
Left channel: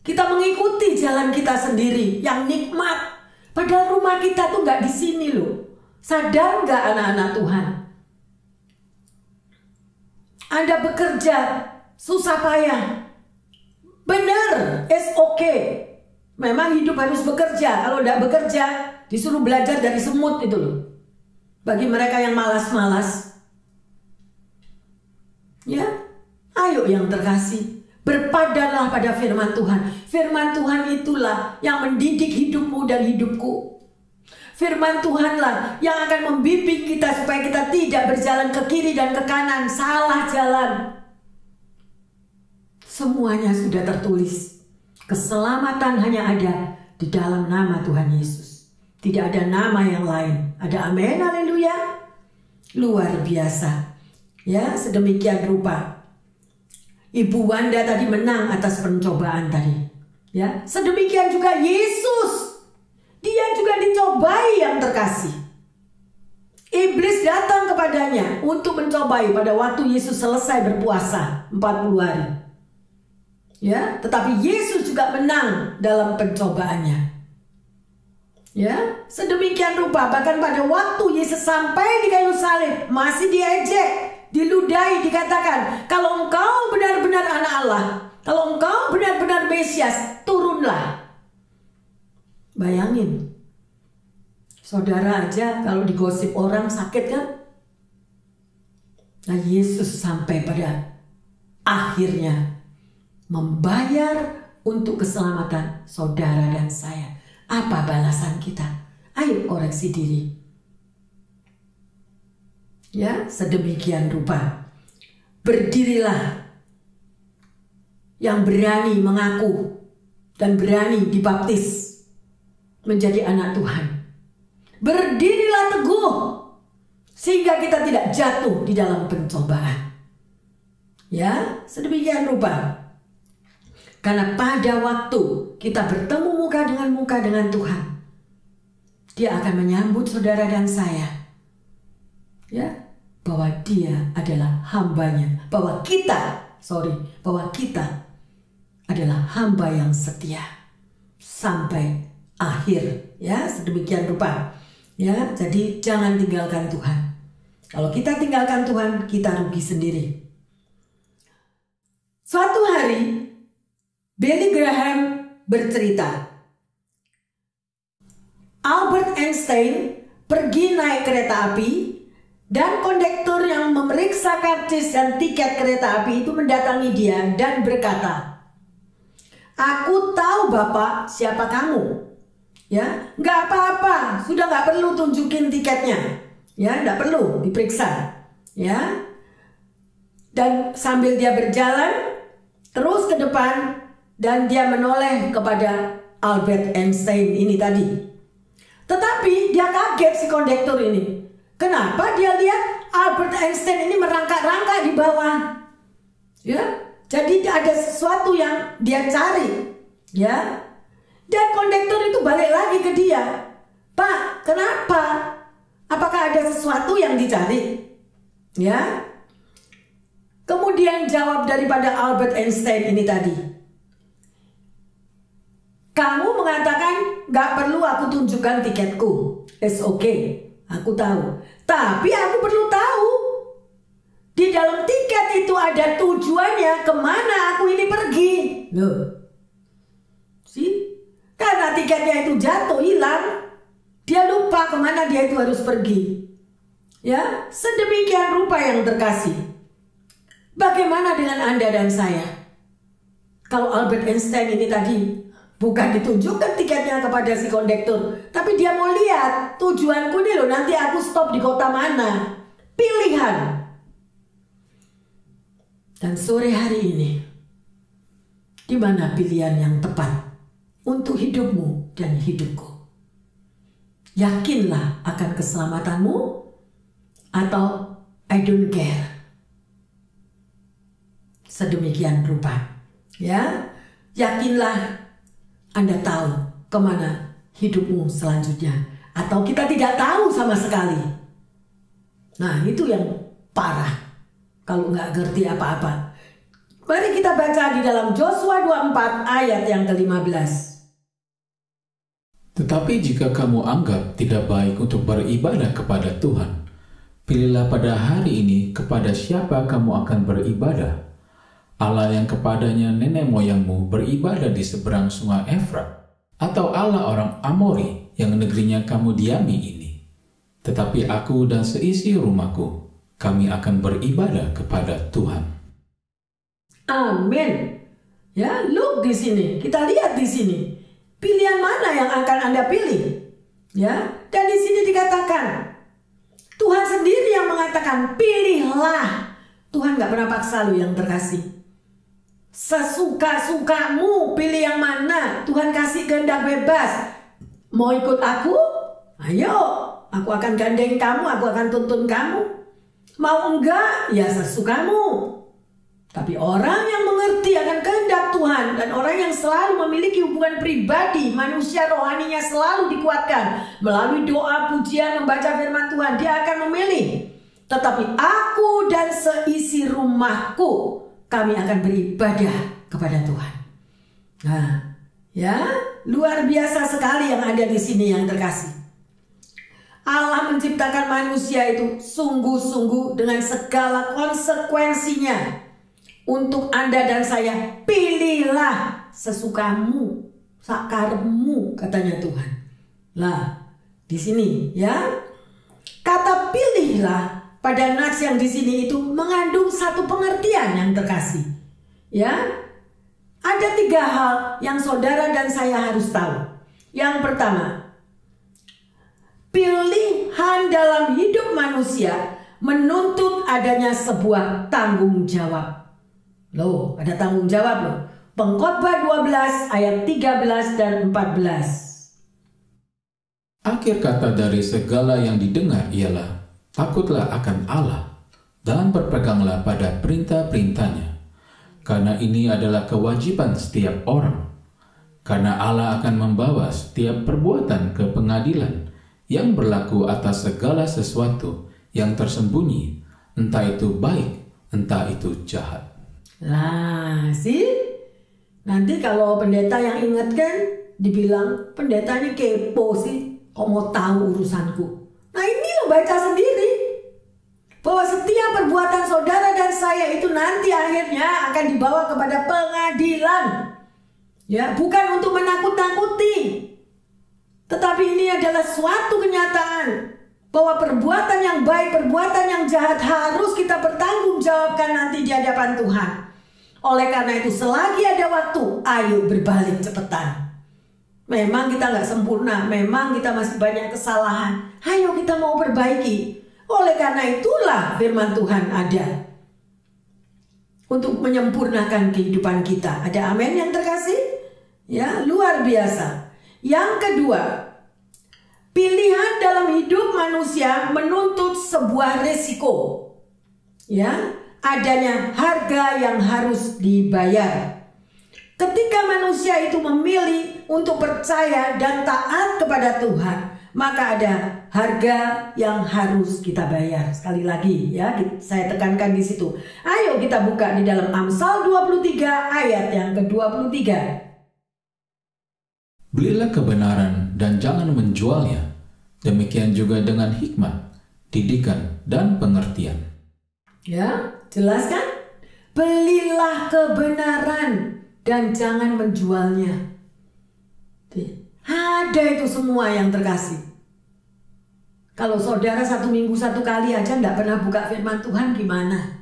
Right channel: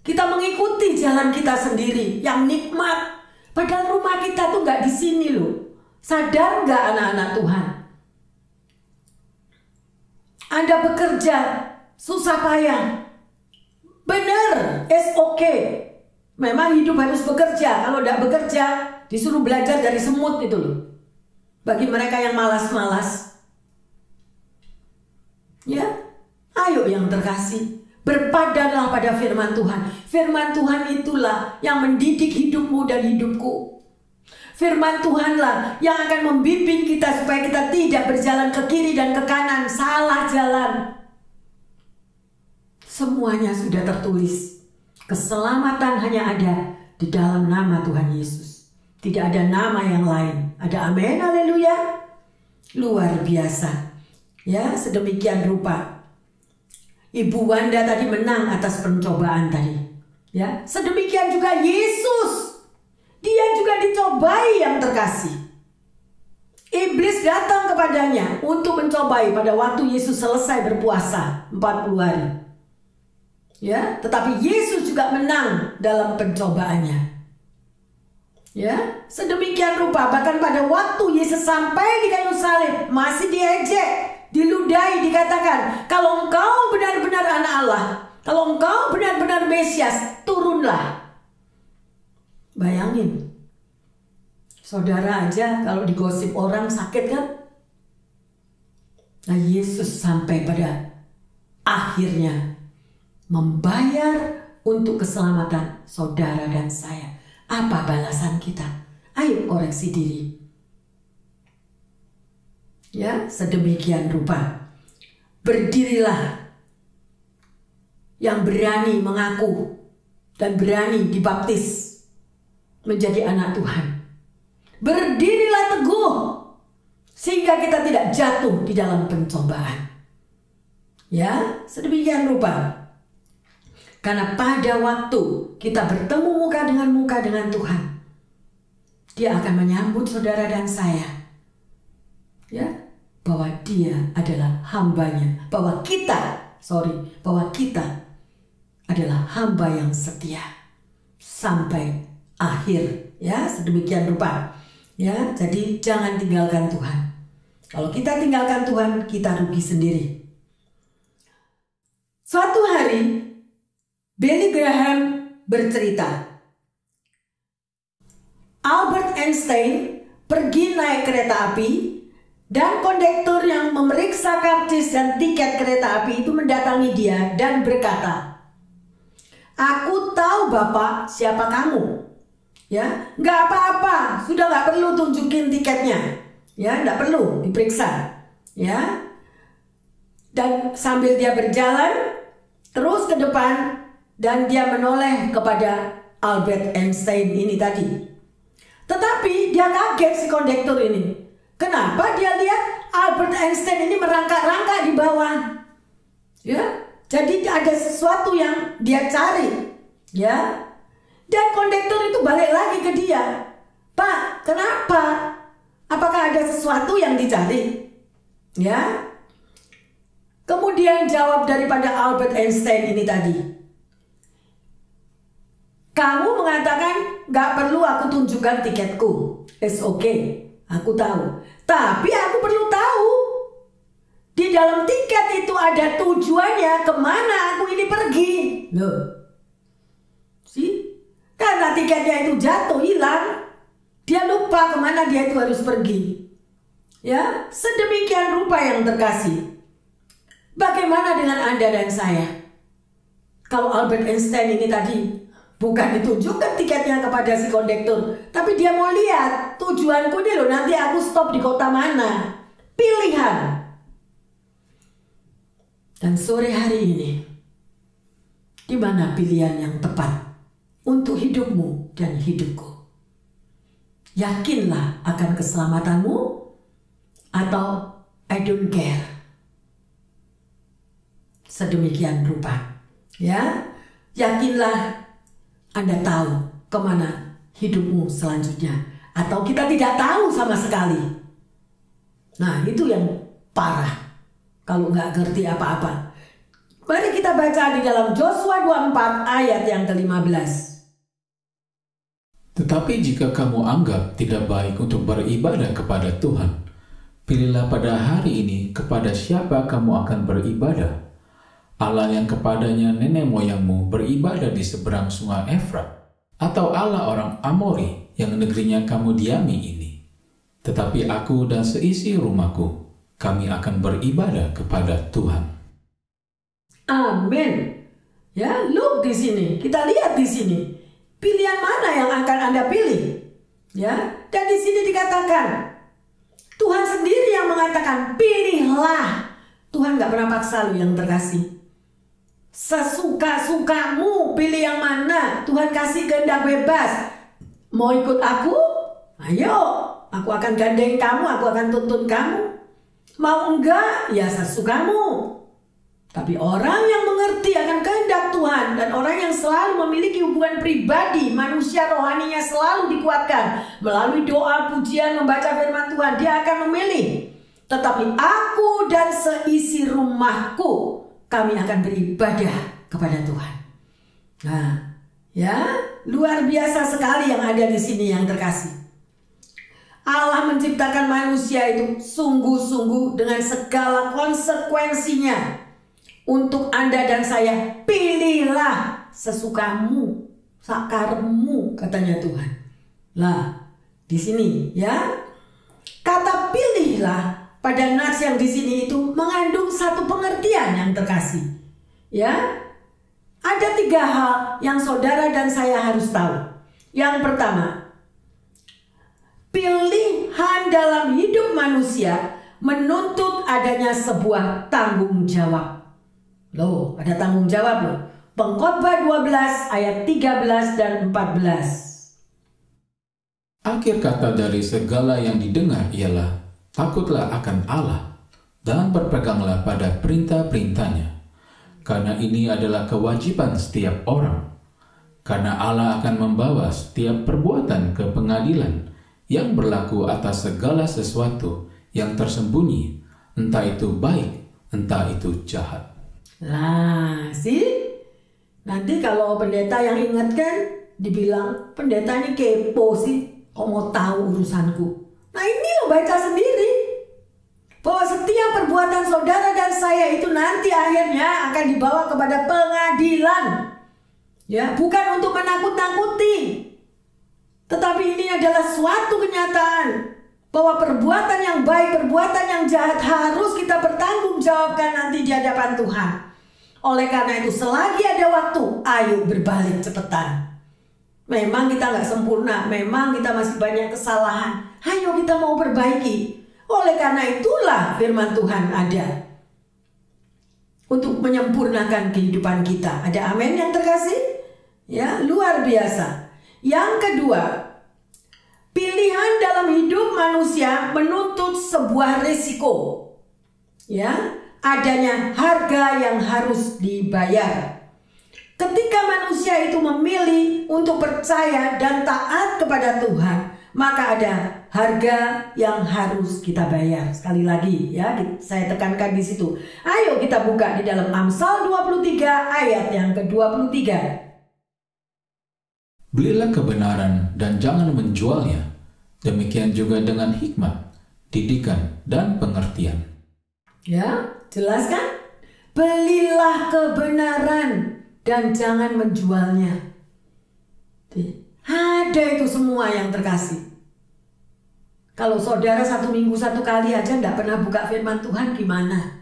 Kita mengikuti jalan kita sendiri yang nikmat. Padahal rumah kita tuh nggak di sini loh. Sadar nggak anak-anak Tuhan? Anda bekerja susah payah. Bener, it's okay. Memang hidup harus bekerja. Kalau nggak bekerja, disuruh belajar dari semut itu loh. Bagi mereka yang malas-malas. Ya, ayo yang terkasih. Berpadanlah pada firman Tuhan. Firman Tuhan itulah yang mendidik hidupmu dan hidupku. Firman Tuhanlah yang akan membimbing kita supaya kita tidak berjalan ke kiri dan ke kanan, salah jalan. Semuanya sudah tertulis. Keselamatan hanya ada di dalam nama Tuhan Yesus. Tidak ada nama yang lain. Ada amin, haleluya. Luar biasa. Ya, sedemikian rupa Ibu Wanda tadi menang atas pencobaan tadi. Ya, sedemikian juga Yesus. Dia juga dicobai yang terkasih. Iblis datang kepadanya untuk mencobai pada waktu Yesus selesai berpuasa 40 hari. Ya, tetapi Yesus juga menang dalam pencobaannya. Ya, sedemikian rupa bahkan pada waktu Yesus sampai di kayu salib masih diejek, diludahi, dikatakan, kalau engkau benar-benar anak Allah, kalau engkau benar-benar Mesias, turunlah. Bayangin, saudara aja kalau digosip orang sakit kan? Nah, Yesus sampai pada akhirnya membayar untuk keselamatan saudara dan saya. Apa balasan kita? Ayo koreksi diri. Ya, sedemikian rupa. Berdirilah yang berani mengaku dan berani dibaptis menjadi anak Tuhan. Berdirilah teguh sehingga kita tidak jatuh di dalam pencobaan. Ya, sedemikian rupa. Karena pada waktu kita bertemu muka dengan Tuhan, Dia akan menyambut saudara dan saya. Ya, bahwa Dia adalah hambanya, bahwa kita adalah hamba yang setia sampai akhir. Ya, sedemikian rupa. Ya, jadi jangan tinggalkan Tuhan. Kalau kita tinggalkan Tuhan, kita rugi sendiri. Suatu hari, Billy Graham bercerita, Albert Einstein pergi naik kereta api dan kondektur yang memeriksa karcis dan tiket kereta api itu mendatangi dia dan berkata, "Aku tahu Bapak siapa kamu. Ya, nggak apa-apa, sudah nggak perlu tunjukin tiketnya. Ya, nggak perlu diperiksa. Ya." Dan sambil dia berjalan terus ke depan dan dia menoleh kepada Albert Einstein ini tadi. Tetapi dia kaget si kondektur ini. Kenapa dia lihat Albert Einstein ini merangkak-rangkak di bawah? Ya, jadi ada sesuatu yang dia cari. Ya. Dan kondektur itu balik lagi ke dia. "Pak, kenapa? Apakah ada sesuatu yang dicari?" Ya. Kemudian jawab daripada Albert Einstein ini tadi, "Kamu mengatakan gak perlu aku tunjukkan tiketku. It's okay, aku tahu. Tapi aku perlu tahu di dalam tiket itu ada tujuannya kemana aku ini pergi." Loh, sih? Karena tiketnya itu jatuh, hilang, dia lupa kemana dia itu harus pergi. Ya, sedemikian rupa yang terkasih. Bagaimana dengan Anda dan saya? Kalau Albert Einstein ini tadi bukan ditunjukkan tiketnya kepada si kondektur, tapi dia mau lihat tujuanku nih loh, nanti aku stop di kota mana. Pilihan. Dan sore hari ini, di mana pilihan yang tepat untuk hidupmu dan hidupku? Yakinlah akan keselamatanmu atau I don't care. Sedemikian rupa. Ya, yakinlah Anda tahu kemana hidupmu selanjutnya. Atau kita tidak tahu sama sekali. Nah, itu yang parah. Kalau nggak ngerti apa-apa. Mari kita baca di dalam Yosua 24 ayat yang ke-15. Tetapi jika kamu anggap tidak baik untuk beribadah kepada Tuhan, pilihlah pada hari ini kepada siapa kamu akan beribadah. Allah yang kepadanya nenek moyangmu beribadah di seberang sungai Efrat, atau Allah orang Amori yang negerinya kamu diami ini. Tetapi aku dan seisi rumahku, kami akan beribadah kepada Tuhan. Amin. Ya, look di sini. Kita lihat di sini. Pilihan mana yang akan Anda pilih? Ya, dan di sini dikatakan Tuhan sendiri yang mengatakan pilihlah. Tuhan gak pernah paksa lu yang terkasih. Sesuka-sukamu pilih yang mana. Tuhan kasih kehendak bebas. Mau ikut aku? Ayo, aku akan gandeng kamu, aku akan tuntun kamu. Mau enggak? Ya sesukamu. Tapi orang yang mengerti akan kehendak Tuhan dan orang yang selalu memiliki hubungan pribadi, manusia rohaninya selalu dikuatkan melalui doa, pujian, membaca firman Tuhan, dia akan memilih. Tetapi aku dan seisi rumahku, kami akan beribadah kepada Tuhan. Nah, ya, luar biasa sekali yang ada di sini yang terkasih. Allah menciptakan manusia itu sungguh-sungguh dengan segala konsekuensinya. Untuk Anda dan saya, pilihlah sesukamu, sakarmu, katanya Tuhan. Lah, di sini ya, kata pilihlah pada nats yang di sini itu mengandung satu pengertian yang terkasih. Ya, ada 3 hal yang saudara dan saya harus tahu. Yang pertama, pilihan dalam hidup manusia menuntut adanya sebuah tanggung jawab. Loh, ada tanggung jawab loh. Pengkhotbah 12 ayat 13 dan 14. Akhir kata dari segala yang didengar ialah, takutlah akan Allah dan berpeganglah pada perintah-perintahnya. Karena ini adalah kewajiban setiap orang. Karena Allah akan membawa setiap perbuatan ke pengadilan yang berlaku atas segala sesuatu yang tersembunyi, entah itu baik, entah itu jahat. Nah, nanti kalau pendeta yang ingatkan, dibilang pendeta ini kepo sih. Kok mau tahu urusanku? Nah ini lo baca sendiri. Bahwa setiap perbuatan saudara dan saya itu nanti akhirnya akan dibawa kepada pengadilan. Ya, bukan untuk menakut-nakuti. Tetapi ini adalah suatu kenyataan. Bahwa perbuatan yang baik, perbuatan yang jahat harus kita pertanggungjawabkan nanti di hadapan Tuhan. Oleh karena itu selagi ada waktu, ayo berbalik cepetan. Memang kita nggak sempurna, memang kita masih banyak kesalahan. Ayo kita mau perbaiki. Oleh karena itulah firman Tuhan ada. Untuk menyempurnakan kehidupan kita. Ada amin yang terkasih? Ya, luar biasa. Yang kedua, pilihan dalam hidup manusia menuntut sebuah resiko. Ya, adanya harga yang harus dibayar. Ketika manusia itu memilih untuk percaya dan taat kepada Tuhan, maka ada harga yang harus kita bayar. Sekali lagi ya, saya tekankan di situ. Ayo kita buka di dalam Amsal 23 ayat yang ke-23. Belilah kebenaran dan jangan menjualnya. Demikian juga dengan hikmat, didikan, dan pengertian. Ya, jelas kan? Belilah kebenaran dan jangan menjualnya. Ada itu semua yang terkasih. Kalau saudara 1 minggu 1 kali aja tidak pernah buka firman Tuhan, gimana?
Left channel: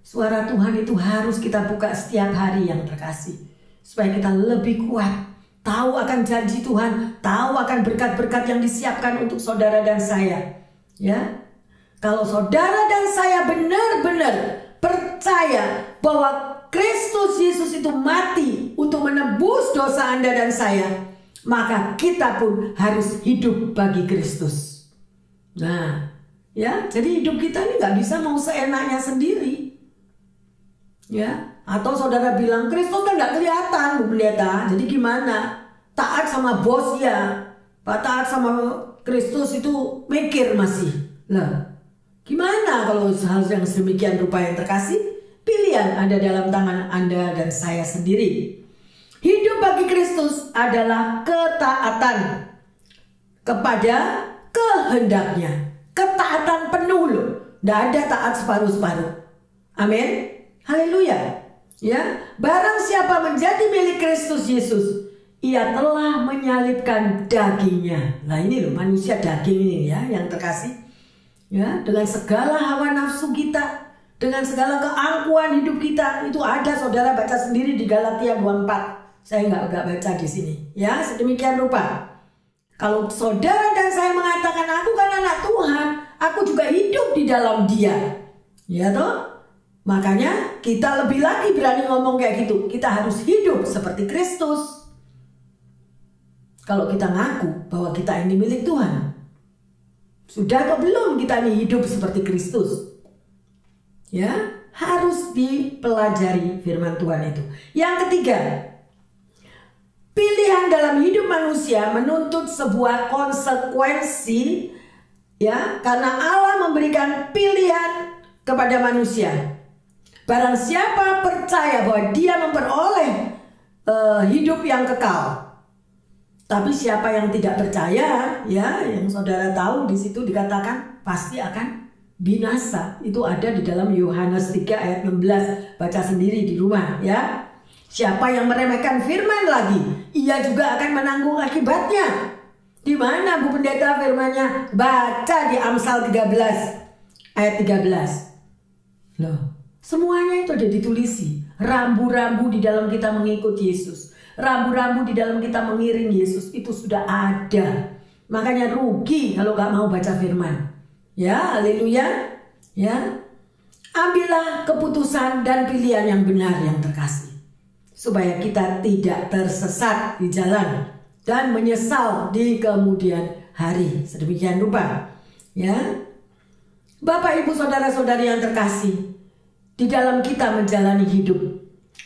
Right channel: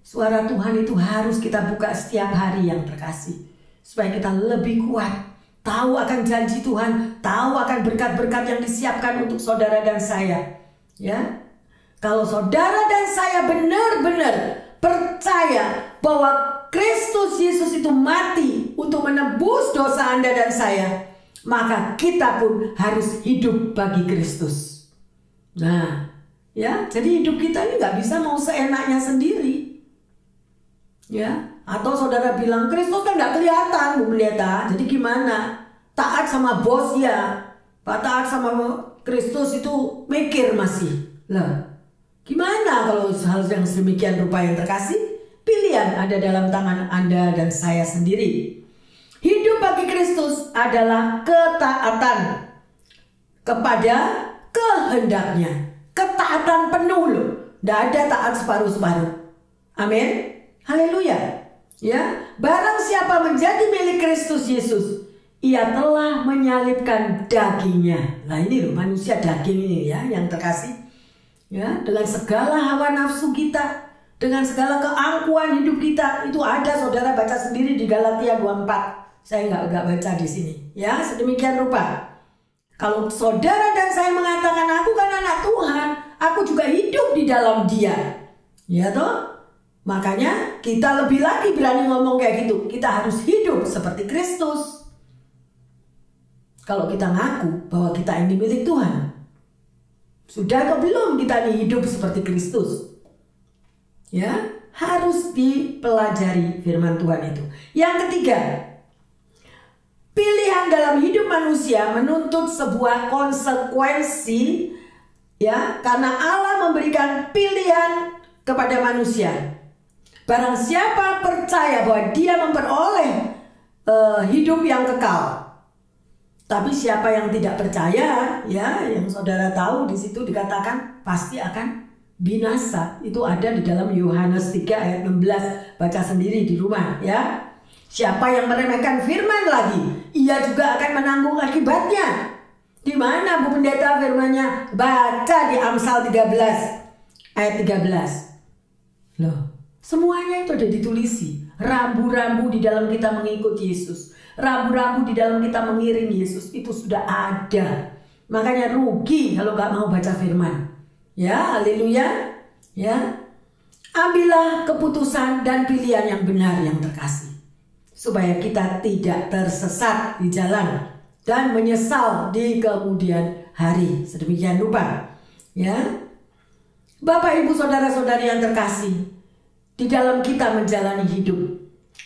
Suara Tuhan itu harus kita buka setiap hari yang terkasih. Supaya kita lebih kuat. Tahu akan janji Tuhan. Tahu akan berkat-berkat yang disiapkan untuk saudara dan saya. Ya, kalau saudara dan saya benar-benar percaya bahwa Kristus Yesus itu mati untuk menebus dosa Anda dan saya, maka kita pun harus hidup bagi Kristus. Nah, ya, jadi hidup kita ini nggak bisa mau seenaknya sendiri. Ya, atau saudara bilang Kristus kan nggak kelihatan, Bu Pendeta. Jadi gimana? Taat sama bos ya, Pak, taat sama Kristus itu mikir masih. Lah, gimana kalau hal yang sedemikian rupa yang terkasih? Pilihan ada dalam tangan Anda dan saya sendiri. Hidup bagi Kristus adalah ketaatan kepada kehendaknya. Ketaatan penuh loh. Tidak ada taat separuh-separuh. Amin. Haleluya. Ya, barang siapa menjadi milik Kristus Yesus, ia telah menyalibkan dagingnya. Nah ini loh, manusia daging ini ya yang terkasih. Ya, dengan segala hawa nafsu kita, dengan segala keangkuhan hidup kita, itu ada, saudara baca sendiri di Galatia 2:4. Saya nggak baca di sini. Ya, sedemikian rupa. Kalau saudara dan saya mengatakan aku kan anak Tuhan, aku juga hidup di dalam Dia. Ya toh? Makanya kita lebih lagi berani ngomong kayak gitu. Kita harus hidup seperti Kristus. Kalau kita ngaku bahwa kita ini milik Tuhan. Sudah atau belum kita ini hidup seperti Kristus? Ya, harus dipelajari firman Tuhan itu. Yang ketiga, pilihan dalam hidup manusia menuntut sebuah konsekuensi, ya, karena Allah memberikan pilihan kepada manusia. Barang siapa percaya bahwa dia memperoleh hidup yang kekal. Tapi siapa yang tidak percaya, ya, yang saudara tahu di situ dikatakan pasti akan binasa. Itu ada di dalam Yohanes 3 ayat 16. Baca sendiri di rumah ya. Siapa yang meremehkan firman lagi, ia juga akan menanggung akibatnya. Di mana Bu Pendeta firmannya? Baca di Amsal 13 ayat 13. Loh, semuanya itu ada ditulisi. Rambu-rambu di dalam kita mengikut Yesus. Rambu-rambu di dalam kita mengiring Yesus itu sudah ada. Makanya rugi kalau gak mau baca firman. Ya, haleluya. Ya. Ambillah keputusan dan pilihan yang benar yang terkasih. Supaya kita tidak tersesat di jalan. dan menyesal di kemudian hari. Sedemikian rupa. Ya. Bapak, Ibu, saudara-saudari yang terkasih, di dalam kita menjalani hidup,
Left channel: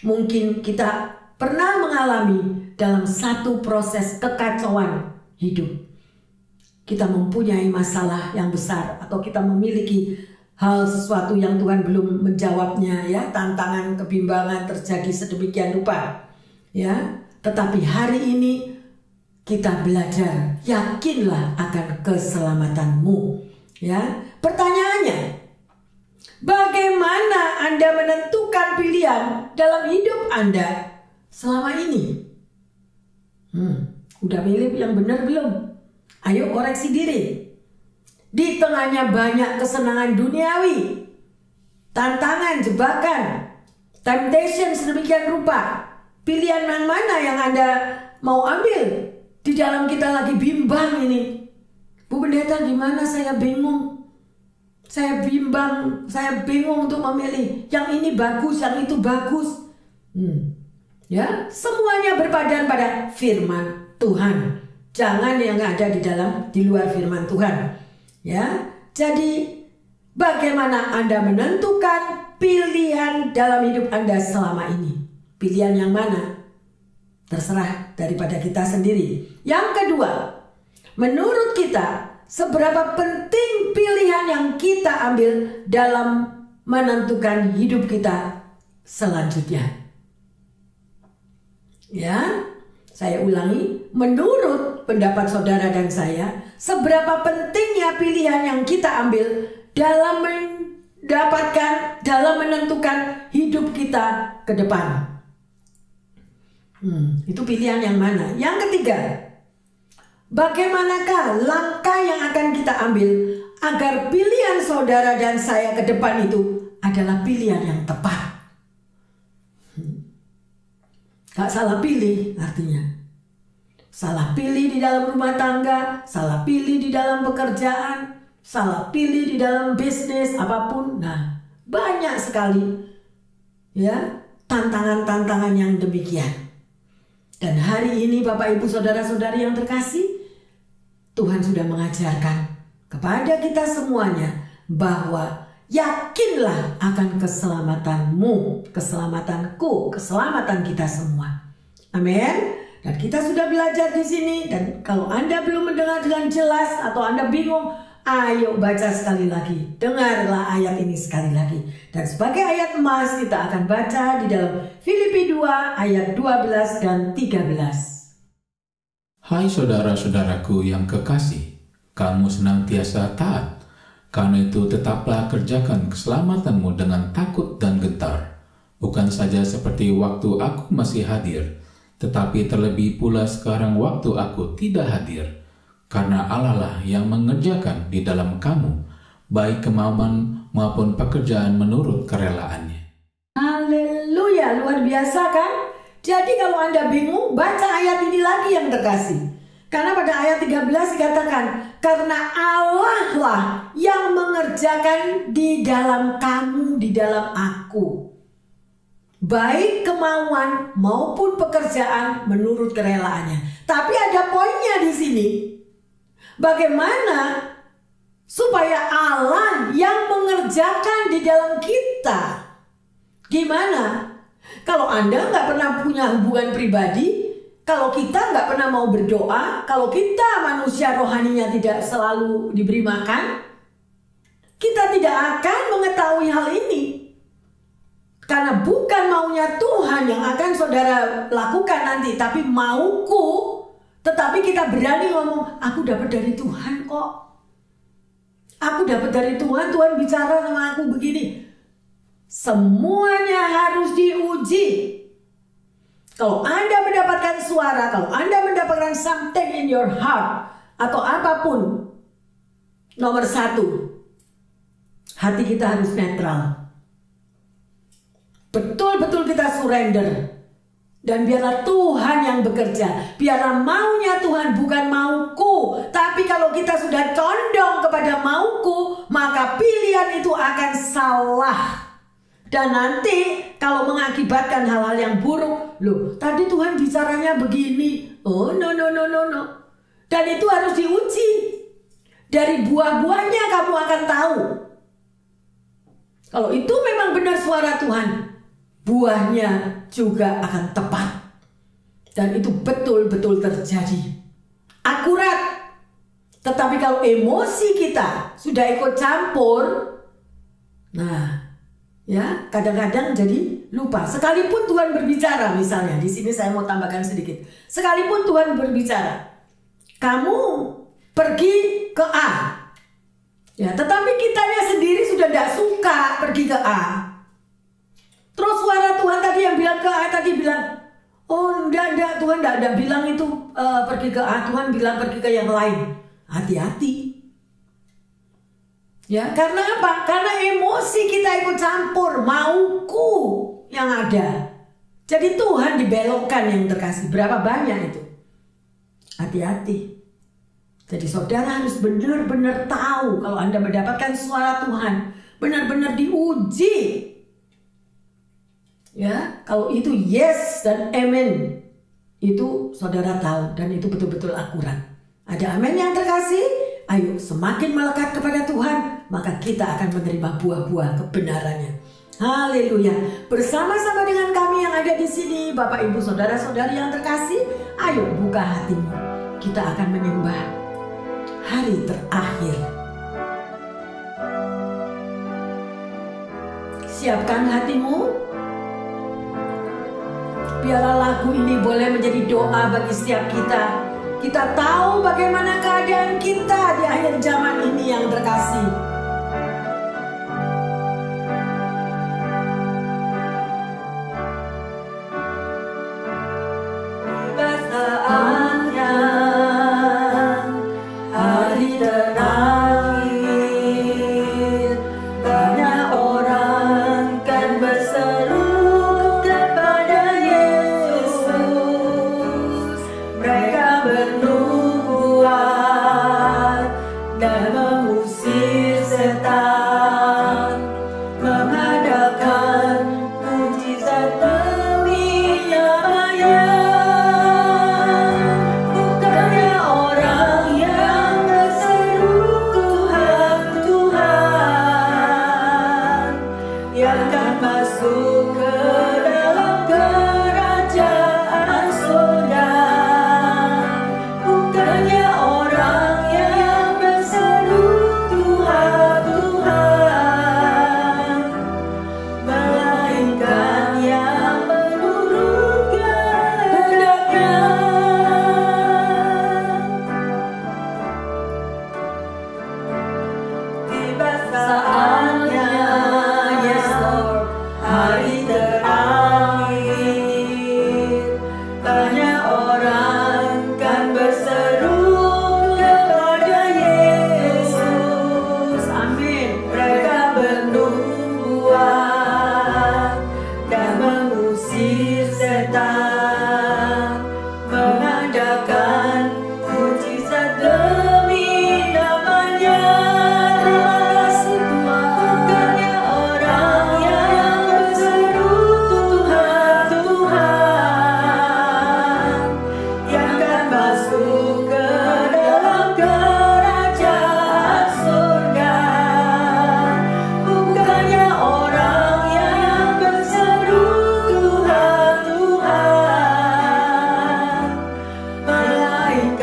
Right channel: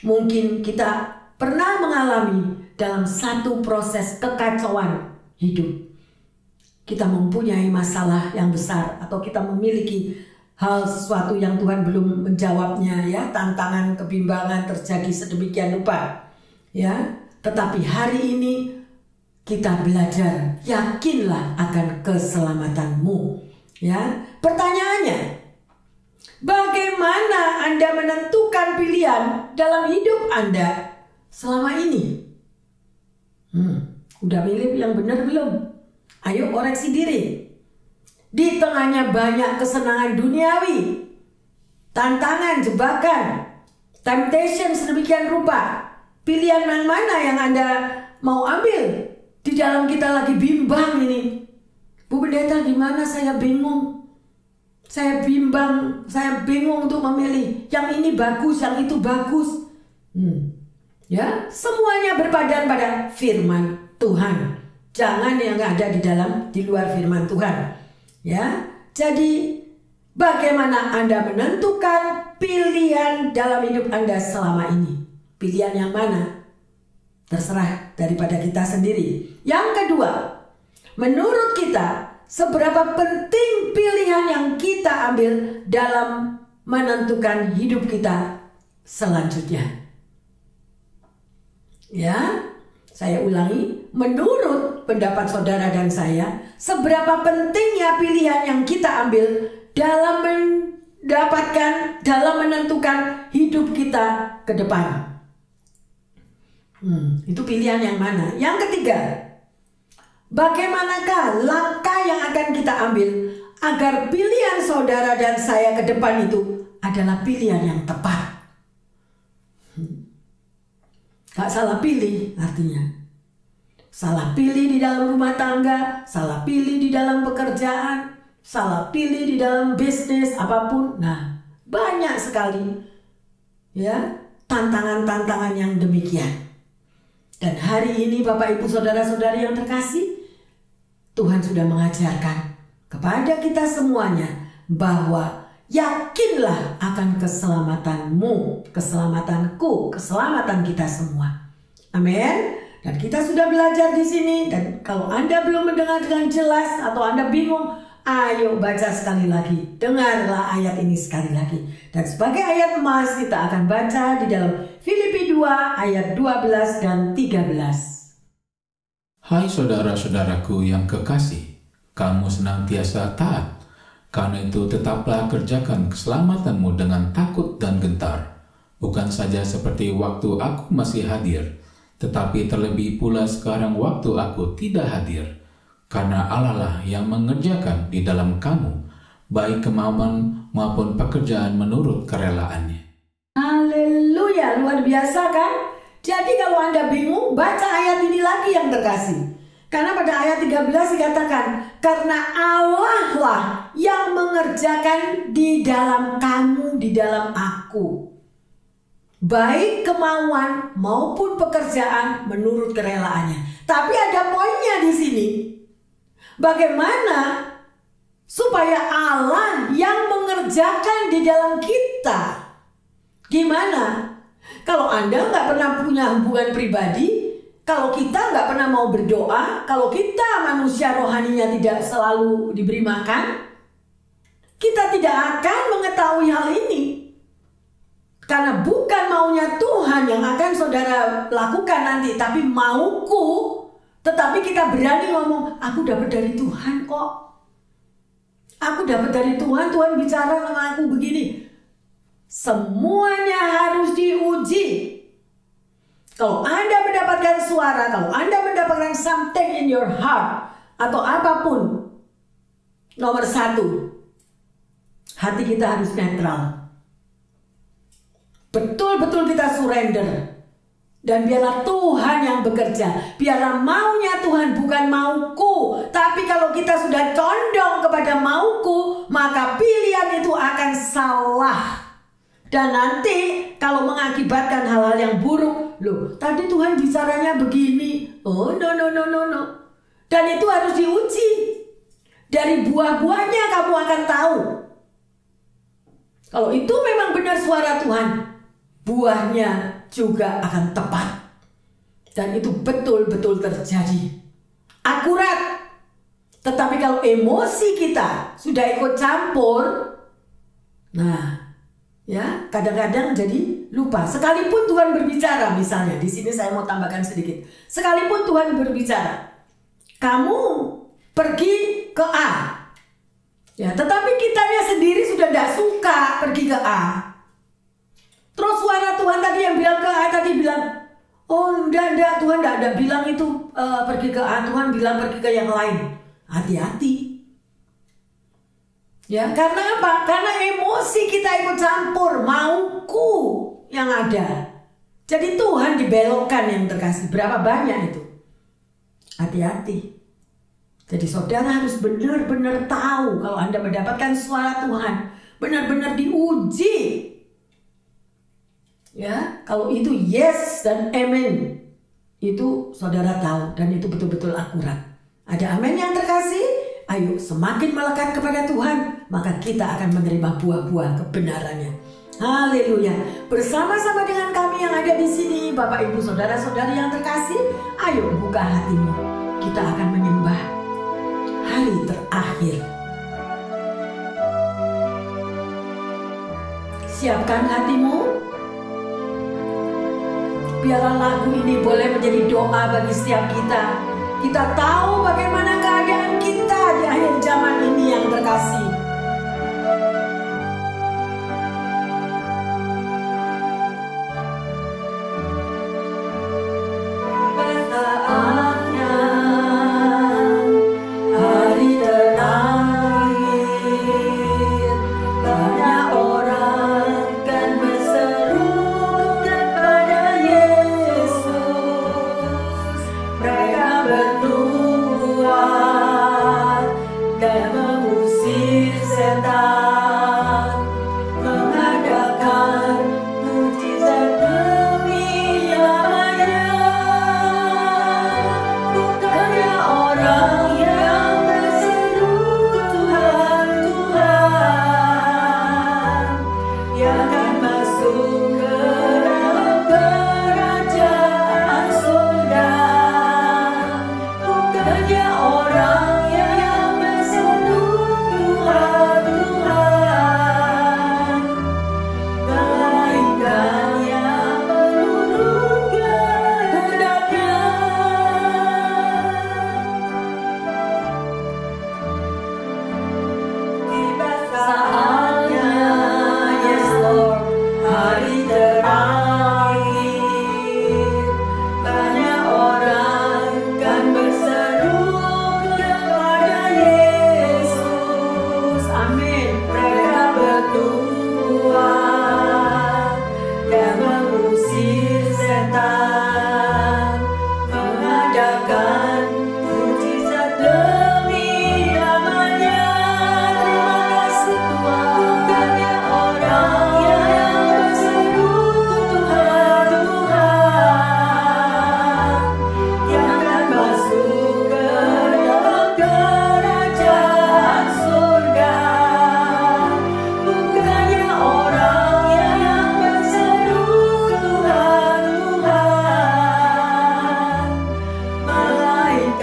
mungkin kita pernah mengalami dalam satu proses kekacauan hidup. Kita mempunyai masalah yang besar atau kita memiliki hal sesuatu yang Tuhan belum menjawabnya, ya, tantangan, kebimbangan terjadi sedemikian rupa, ya. Tetapi hari ini kita belajar, yakinlah akan keselamatanmu, ya. Pertanyaannya, bagaimana Anda menentukan pilihan dalam hidup Anda selama ini? Udah milih yang benar belum? Ayo koreksi diri. Di tengahnya banyak kesenangan duniawi, tantangan, jebakan, temptation sedemikian rupa. Pilihan yang mana yang Anda mau ambil? Di dalam kita lagi bimbang ini. Bu Pendeta, gimana? Saya bingung. Saya bimbang, saya bingung untuk memilih. Yang ini bagus, yang itu bagus. Ya, semuanya berpadan pada firman Tuhan. Jangan yang ada di luar firman Tuhan. Ya, jadi bagaimana Anda menentukan pilihan dalam hidup Anda selama ini? Pilihan yang mana? Terserah daripada kita sendiri. Yang kedua, menurut kita, seberapa penting pilihan yang kita ambil dalam menentukan hidup kita selanjutnya? Ya, saya ulangi, menurut pendapat saudara dan saya, seberapa pentingnya pilihan yang kita ambil dalam menentukan hidup kita ke depan. Itu pilihan yang mana? Yang ketiga, bagaimanakah langkah yang akan kita ambil agar pilihan saudara dan saya ke depan itu adalah pilihan yang tepat? Gak salah pilih artinya. Salah pilih di dalam rumah tangga, salah pilih di dalam pekerjaan, salah pilih di dalam bisnis apapun. Nah, banyak sekali ya tantangan-tantangan yang demikian. Dan hari ini Bapak, Ibu, saudara-saudari yang terkasih, Tuhan sudah mengajarkan kepada kita semuanya bahwa yakinlah akan keselamatanmu, keselamatanku, keselamatan kita semua. Amin. Dan kita sudah belajar di sini. Dan kalau Anda belum mendengar dengan jelas atau Anda bingung, ayo baca sekali lagi. Dengarlah ayat ini sekali lagi. Dan sebagai ayat emas kita akan baca di dalam Filipi 2 ayat 12 dan 13. Hai saudara-saudaraku yang kekasih, kamu senantiasa taat. Karena itu tetaplah kerjakan keselamatanmu dengan takut dan gentar. Bukan saja seperti waktu aku masih hadir, tetapi terlebih pula sekarang waktu aku tidak hadir. Karena Allah lah yang mengerjakan di dalam kamu, baik kemauan maupun pekerjaan menurut kerelaannya. Haleluya, luar biasa kan? Jadi kalau Anda bingung, baca ayat ini lagi yang terkasih. Karena pada ayat 13 dikatakan, karena Allah lah yang mengerjakan di dalam kamu, di dalam aku, baik kemauan maupun pekerjaan menurut kerelaannya. Tapi ada poinnya di sini. Bagaimana supaya Allah yang mengerjakan di dalam kita? Gimana? Kalau Anda nggak pernah punya hubungan pribadi, kalau kita nggak pernah mau berdoa, kalau kita manusia rohaninya tidak selalu diberi makan, kita tidak akan mengetahui hal ini. Karena bukan maunya Tuhan yang akan saudara lakukan nanti, tapi mauku. Tetapi kita berani ngomong, aku dapat dari Tuhan kok. Aku dapat dari Tuhan, Tuhan bicara sama aku begini. Semuanya harus diuji. Kalau Anda mendapatkan suara, kalau Anda mendapatkan something in your heart, atau apapun, nomor satu, hati kita harus netral. Betul-betul kita surrender. Dan biarlah Tuhan yang bekerja. Biarlah maunya Tuhan, bukan mauku. Tapi kalau kita sudah condong kepada mauku, maka pilihan itu akan salah. Dan nanti kalau mengakibatkan hal-hal yang buruk, loh tadi Tuhan bicaranya begini. Oh no. Dan itu harus diuji. Dari buah-buahnya kamu akan tahu. Kalau itu memang benar suara Tuhan, buahnya juga akan tepat. Dan itu betul-betul terjadi. Akurat. Tetapi kalau emosi kita sudah ikut campur, nah, ya, kadang-kadang jadi lupa. Sekalipun Tuhan berbicara, misalnya di sini saya mau tambahkan sedikit. Sekalipun Tuhan berbicara, kamu pergi ke A, ya, tetapi kitanya sendiri sudah tidak suka pergi ke A. Terus suara Tuhan tadi yang bilang ke A tadi bilang, oh enggak, Tuhan enggak bilang itu pergi ke A, Tuhan bilang pergi ke yang lain. Hati-hati. Ya, karena apa? Karena emosi kita ikut campur, mauku yang ada. Jadi Tuhan dibelokkan yang terkasih. Berapa banyak itu? Hati-hati. Jadi saudara harus benar-benar tahu kalau Anda mendapatkan suara Tuhan, benar-benar diuji. Ya, kalau itu yes dan amen, itu saudara tahu dan itu betul-betul akurat. Ada amin yang terkasih? Ayo semakin melekat kepada Tuhan, maka kita akan menerima buah-buah kebenarannya. Haleluya. Bersama-sama dengan kami yang ada di sini, Bapak Ibu Saudara-saudari yang terkasih, ayo buka hatimu. Kita akan menyembah hari terakhir. Siapkan hatimu. Biarlah lagu ini boleh menjadi doa bagi setiap kita. Kita tahu bagaimana keadaan kita di akhir zaman ini yang terkasih. Tiba saatnya hari terakhir, banyak orang kan berseru kepada Yesus. Mereka bernubuat dan mengusir setan, mengadakan mujizat demi namanya. Bukannya orang yang berseru Tuhan, Tuhan, yang akan masuk ke dalam kerajaan surga. Bukannya orang yang berseru Tuhan, Tuhan, melainkan yang menurutkan kehendaknya. Tiba saatnya, yes Lord, hari terakhir, banyak orang kan berseru kepada Yesus. Amin. Mereka bernubuat dan mengusir setan, mengadakan mujizat demi namanya. Terima kasih Tuhan. Bukannya orang yang berseru Tuhan, Tuhan, yang akan masuk ke dalam kerajaan surga. Bukannya orang yang berseru Tuhan, Tuhan, melainkan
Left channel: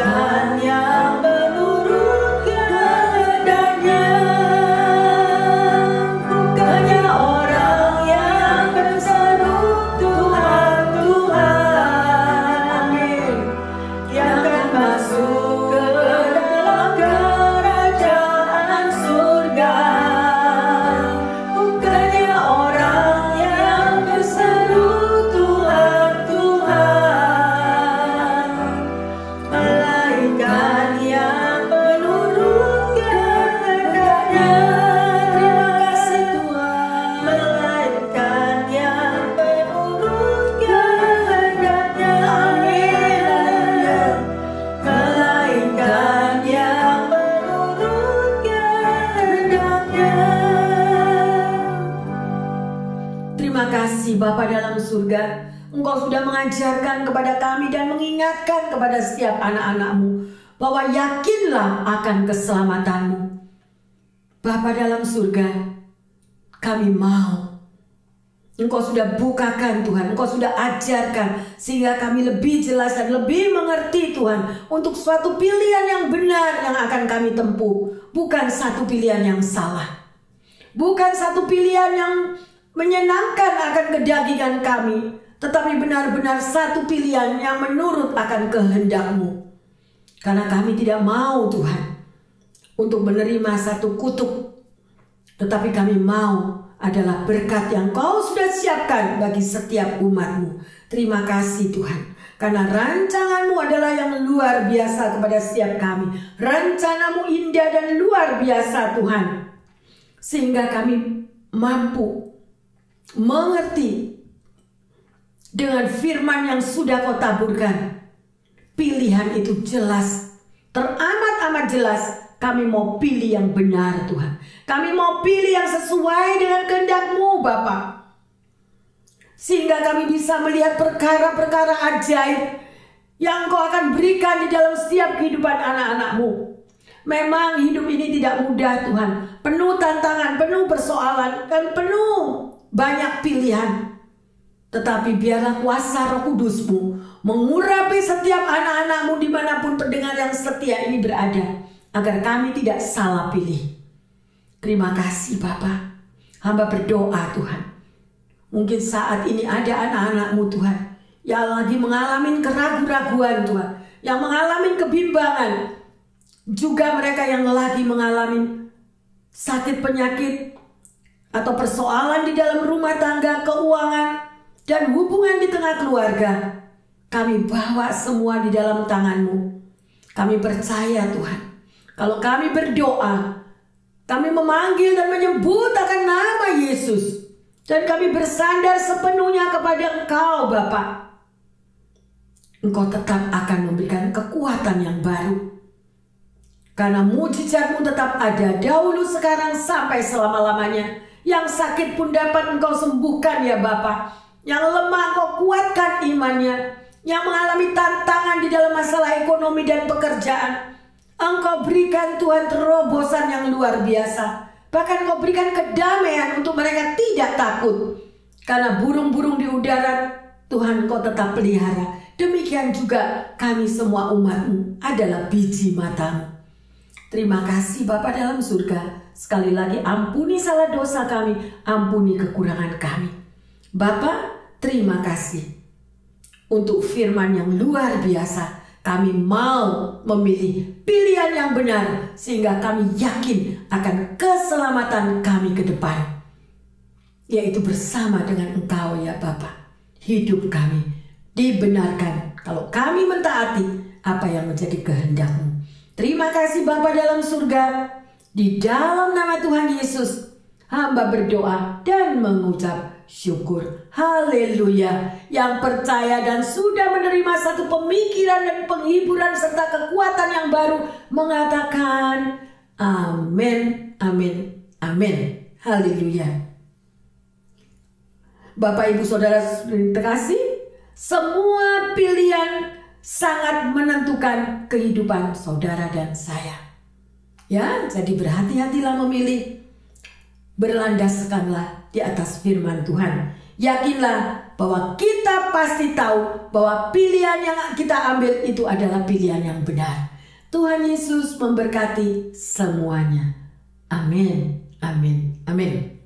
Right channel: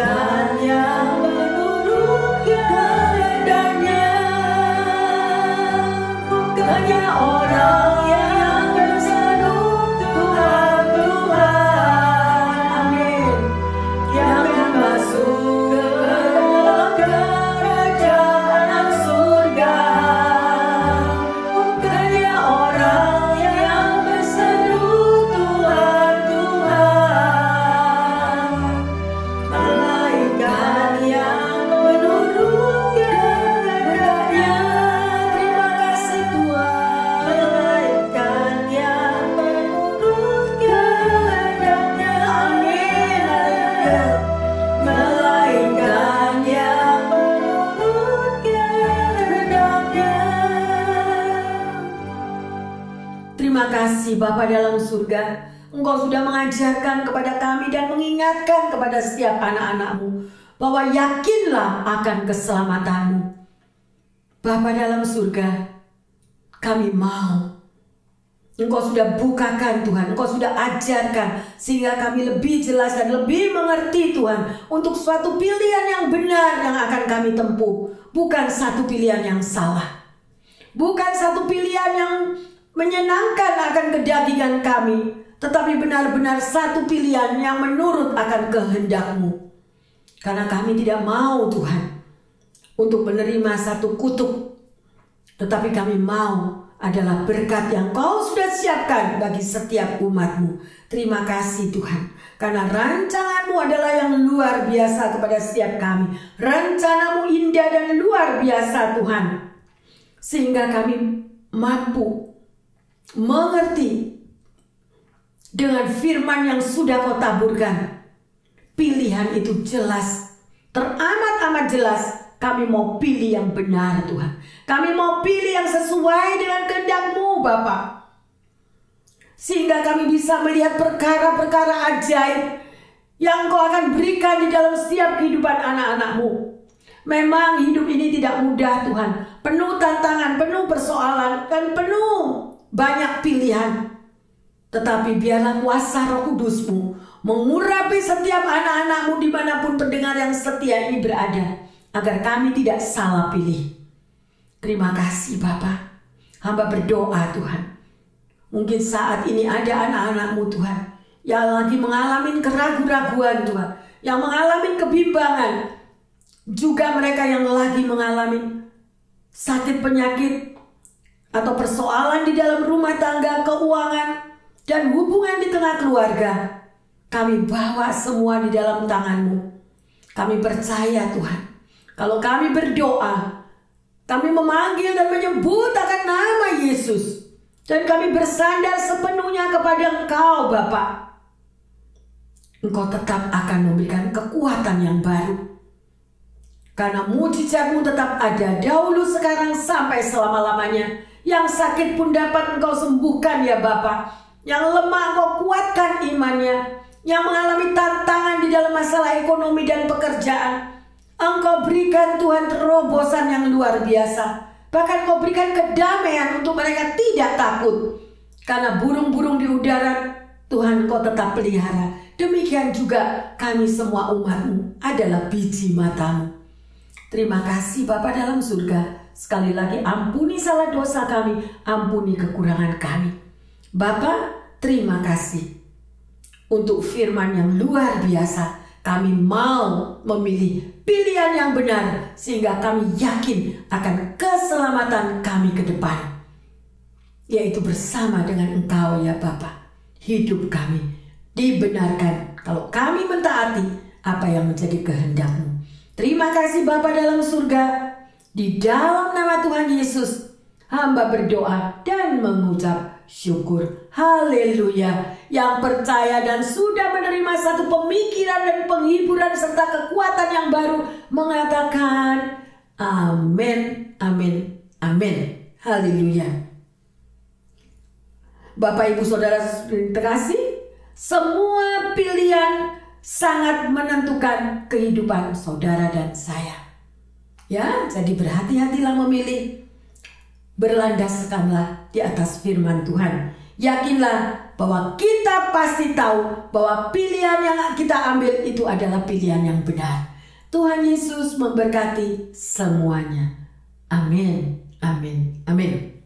Terima kasih Bapa dalam surga. Engkau sudah mengajarkan kepada kami dan mengingatkan kepada setiap anak-anak-Mu bahwa yakinlah akan keselamatanmu. Bapa dalam surga, kami mau. Engkau sudah bukakan Tuhan, Engkau sudah ajarkan sehingga kami lebih jelas dan lebih mengerti Tuhan untuk suatu pilihan yang benar yang akan kami tempuh. Bukan satu pilihan yang salah. Bukan satu pilihan yang menyenangkan akan kedagingan kami, tetapi benar-benar satu pilihan yang menurut akan kehendak-Mu. Karena kami tidak mau Tuhan untuk menerima satu kutuk, tetapi kami mau adalah berkat yang Kau sudah siapkan bagi setiap umat-Mu. Terima kasih Tuhan, karena rancangan-Mu adalah yang luar biasa kepada setiap kami. Rencana-Mu indah dan luar biasa Tuhan, sehingga kami mampu mengerti dengan firman yang sudah Kau taburkan. Pilihan itu jelas, teramat-amat jelas. Kami mau pilih yang benar Tuhan. Kami mau pilih yang sesuai dengan kehendak-Mu Bapa. Sehingga kami bisa melihat perkara-perkara ajaib yang Kau akan berikan di dalam setiap kehidupan anak-anak-Mu. Memang hidup ini tidak mudah Tuhan. Penuh tantangan, penuh persoalan, dan penuh banyak pilihan. Tetapi biarlah kuasa Roh Kudus-Mu mengurapi setiap anak-anak-Mu dimanapun pendengar yang setia ini berada, agar kami tidak salah pilih. Terima kasih Bapa. Hamba berdoa Tuhan, mungkin saat ini ada anak-anak-Mu Tuhan yang lagi mengalami keraguan-raguan Tuhan, yang mengalami kebimbangan, juga mereka yang lagi mengalami sakit penyakit atau persoalan di dalam rumah tangga, keuangan, dan hubungan di tengah keluarga. Kami bawa semua di dalam tangan-Mu. Kami percaya Tuhan, kalau kami berdoa, kami memanggil dan menyebut akan nama Yesus, dan kami bersandar sepenuhnya kepada Engkau Bapa, Engkau tetap akan memberikan kekuatan yang baru. Karena mujizat-Mu tetap ada dahulu, sekarang, sampai selama-lamanya. Yang sakit pun dapat Engkau sembuhkan ya Bapa. Yang lemah Engkau kuatkan imannya. Yang mengalami tantangan di dalam masalah ekonomi dan pekerjaan, Engkau berikan Tuhan terobosan yang luar biasa. Bahkan Engkau berikan kedamaian untuk mereka tidak takut. Karena burung-burung di udara Tuhan Engkau tetap pelihara. Demikian juga kami semua umat-Mu adalah biji mata-Mu. Terima kasih Bapa dalam surga. Sekali lagi ampuni salah dosa kami, ampuni kekurangan kami. Bapa, terima kasih untuk firman yang luar biasa. Kami mau memilih pilihan yang benar, sehingga kami yakin akan keselamatan kami ke depan, yaitu bersama dengan Engkau ya Bapa. Hidup kami dibenarkan kalau kami mentaati apa yang menjadi kehendak-Mu. Terima kasih Bapa dalam surga. Di dalam nama Tuhan Yesus, hamba berdoa dan mengucap syukur. Haleluya. Yang percaya dan sudah menerima satu pemikiran dan penghiburan serta kekuatan yang baru mengatakan amin, amin, amin. Haleluya. Bapak Ibu Saudara terkasih, semua pilihan sangat menentukan kehidupan saudara dan saya. Ya, jadi berhati-hatilah memilih. Berlandaskanlah di atas firman Tuhan. Yakinlah bahwa kita pasti tahu bahwa pilihan yang kita ambil itu adalah pilihan yang benar. Tuhan Yesus memberkati semuanya. Amin, amin, amin.